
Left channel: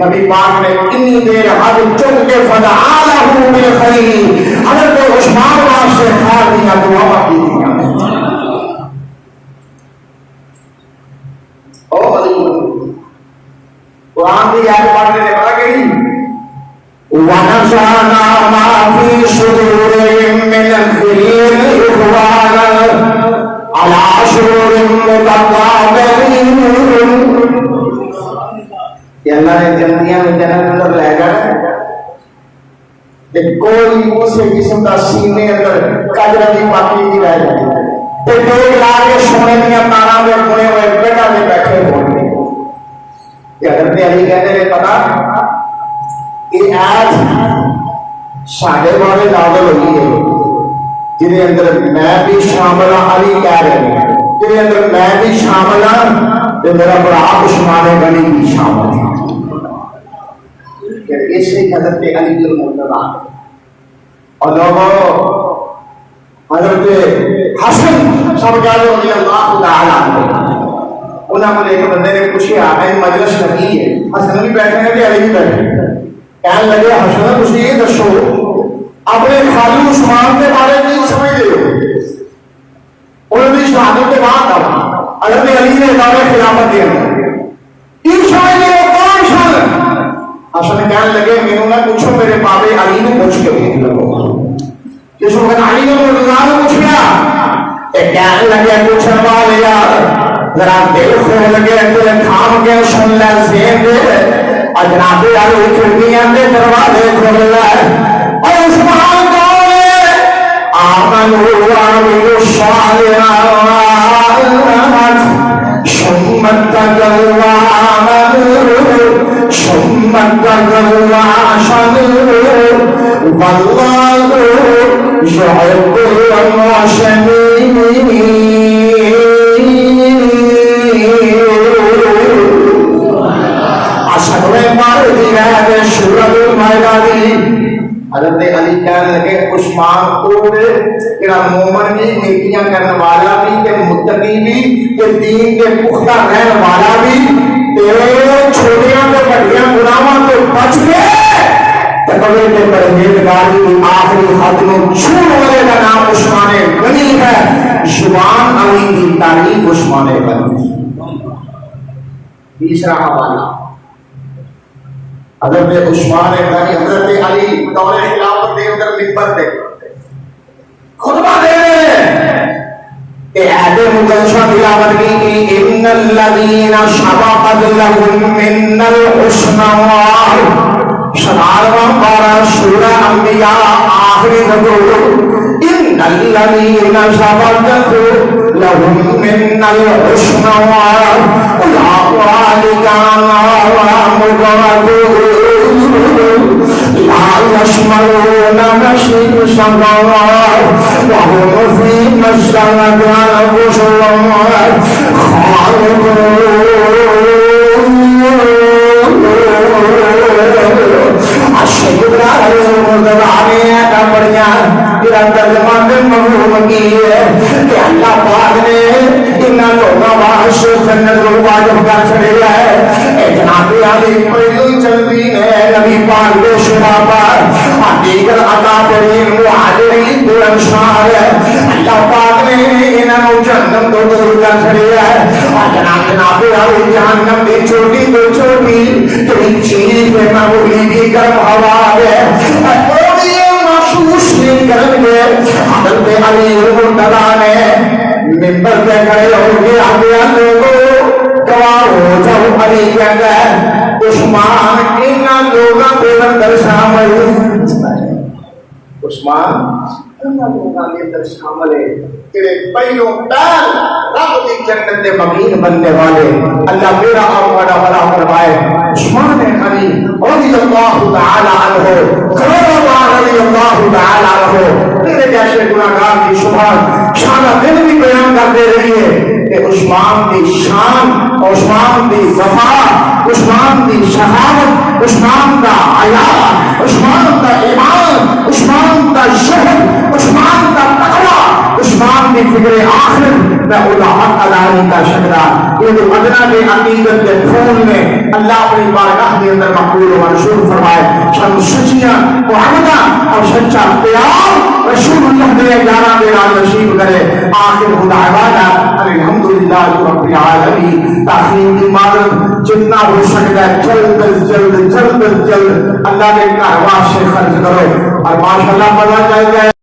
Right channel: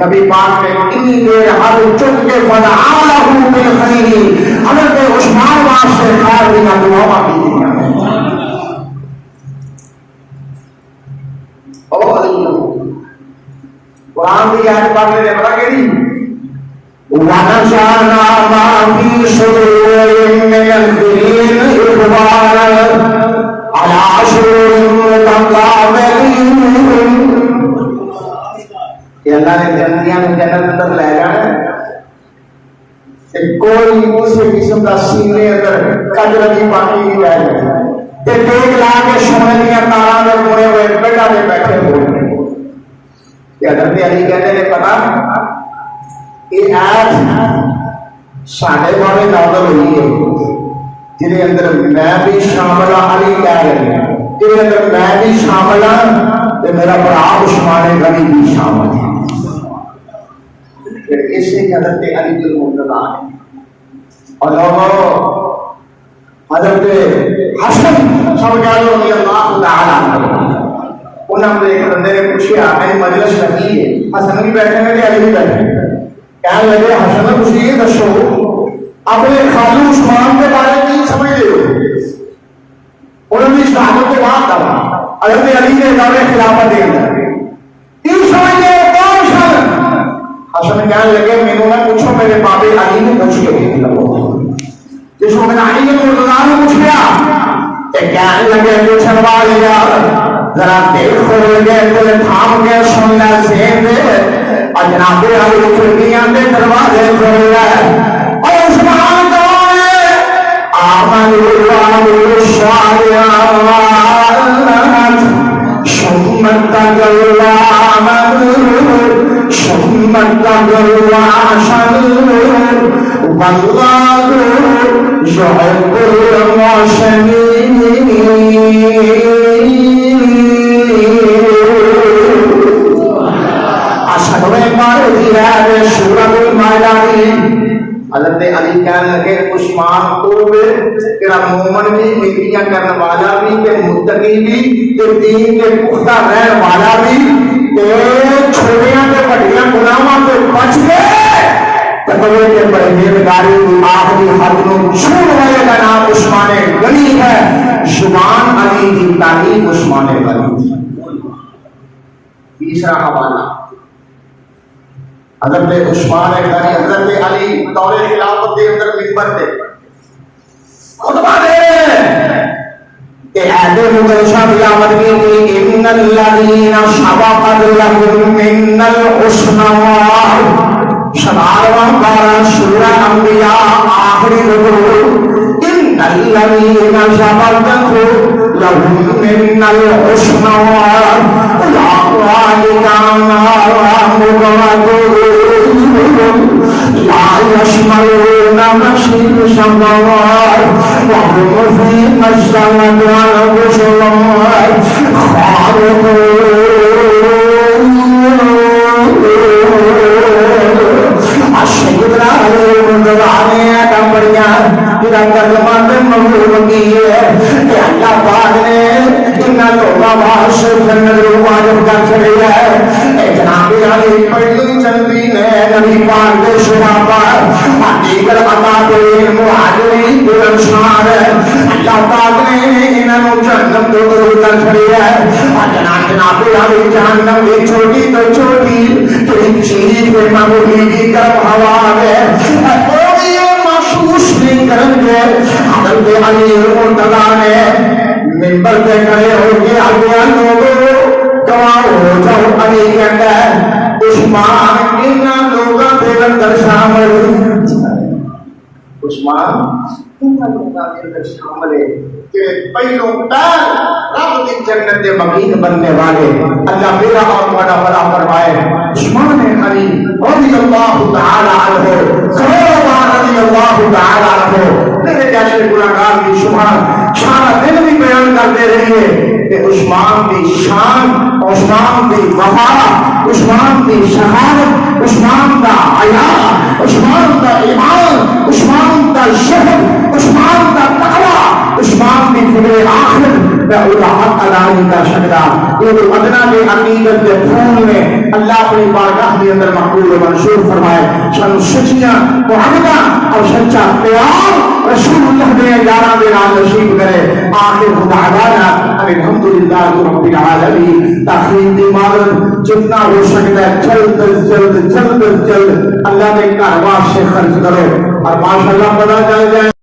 نبی پاک نے اتنی دیر ہاتھ چک کے فدعا لہو بالخیر، حضرت عثمان واسطے خیر دیا دعا کی تھی۔ قرآن کی آیت پڑھنے نے پڑھا کہ وَنَزَعْنَا مَا فِي صُدُورِهِم مِّنَ الْغِلِّ إِخْوَانًا عَلَىٰ سُرُرٍ مُّتَقَابِلِينَ۔ کہ اللہ نے جنتیاں میں جنت اندر لے جانا کہ کوئی کسی قسم کا سینے اندر قدر کی باقی نہیں رہ جائے، تے دیکھ لا کے سونے دیا تاراں دے بنے ہوئے بیٹا دے بیٹھے ہوئے۔ کہ حضرت علی کہنے نے پتا یہ آیت ساڈے بارے نازل ہوئی ہے جن اندر میں بھی شامل ہوں، علی کہہ رہے ہیں جن اندر میں بھی شامل ہوں تو میرا برا عثمان غنی بھی شامل ہے۔ اس لیے حضرت علی المرتضیٰ ہے اور لوگوں حضرت حسن سب کہہ لو رضی اللہ تعالیٰ عنہ، انہوں نے ایک بندے نے پوچھا آپ نے مجلس لگی ہے، حسن بھی بیٹھے ہیں کہ علی بھی بیٹھے ہیں؟ کہنے لگے حسن تسی یہ دسو اپنے خالی عثمان کے بارے میں سمجھتے ہو؟ انہوں نے شہادت کے بعد کہا حضرت علی نے دعوے خلافت دے اندر کیوں سمجھتے ہو کون سن؟ حسن کہنے لگے مینوں نہ پوچھو، میرے بابے علی نے پوچھ کے دیکھ لگو۔ جس وقت علی نے مرتضیٰ نے پوچھا کہنے لگے پوچھنے والے یار ذرا دل کھول کے دل تھام کے سن لے سین دے، اور جناب علی کھڑکیاں کے دروازے کھول لے، اور عثمان کون ہے؟ آمن وعملوا الصالحات ثم اتقوا وآمنوا ثم واللہ يحب المحسنین. حضرت علی کہنے لگے عثمان تو تیرا مومن بھی، نیکیاں کرنے والا بھی، کہ متقی بھی، کہ دین کے پختہ رہنے والا بھی، تیرے چھوٹیاں کے بڑیاں گناہاں تو بچ گئے. تقوی کے پرہیزگاری کی آخری حد میں چھوڑ والے کا نام عثمان غنی ہے. زبان علی کی تعریف عثمان غنی. تیسرا حوالہ حضرت عثمان غنی، حضرت علی دور خلافت کے اندر منبر پہ خطبہ دے کہ عہد مقدسہ تلاوت کی ان الذین سبقت لهم من الحسنى. شمارواں پارہ سورہ انبیاء آخری رکوع ان الذین سبقت لهم من الحسنى اولئک عنہا مبعدون لا يشملون مشرق السماوات وهم فيما اشتهت أنفسهم خالدون. الشکر علیہ مدرانے کا بڑھیا میرا ترجمہ مغلوب کی ہے کہ اللہ پاک نے ان لوگوں باعث جنت کو واجب کر چلے گئے. جناب علی پہلو چلتی ہے نبی پاک کے شرح پر دیگر عطا ترین مہاجرین بلندشان ہے. اللہ پاک نے انہوں جہنم تو دور کر چلے گئے. جناب علی جہنم کی چھوٹی تو چھوٹی کوئی چیز پہ معمولی کی گرم ہوا ہے اور یہ محسوس نہیں کریں گے. حضرت علی مرتضیٰ نے منبر پہ کھڑے ہو کے آگے لوگوں گواہ ہو جاؤ. علی کہتا ہے عثمان ان لوگوں کے اندر شامل عثمان ان لوگوں کے اندر شامل ہے کہ پہلو پیر رب کی جنت کے مقیم بننے والے اللہ میرا آپ بڑا بڑا فرمائے. عثمان غنی رضی اللہ تعالی عنہ رضی اللہ تعالی عنہ میرے جیسے گناہگار کی سبحان سارا دن بھی بیان کرتے رہیے کہ عثمان کی شان، عثمان کی وفا، عثمان کی شہادت، عثمان کا حیا، عثمان کا ایمان، عثمان کا شہد، عثمان کا تقوی، عثمان کی فکر آخر میں اللہ علی کا شکرہ. یہ تو ادنا میں عقیدت کے پھول میں اللہ اپنی بارگاہ کے اندر مقبول و منصور فرمائے. سن سچیاں معاہدہ اور سچا پیار رسول اللہ کے یارہ کے نام نصیب کرے. آخر دعوانا الحمدللہ رب العالمین. تاخیر کی مدد جتنا ہو سکتا ہے جلد جلد اللہ کے کارواں سے خرچ کرو اور ماشاءاللہ پتہ چل جائے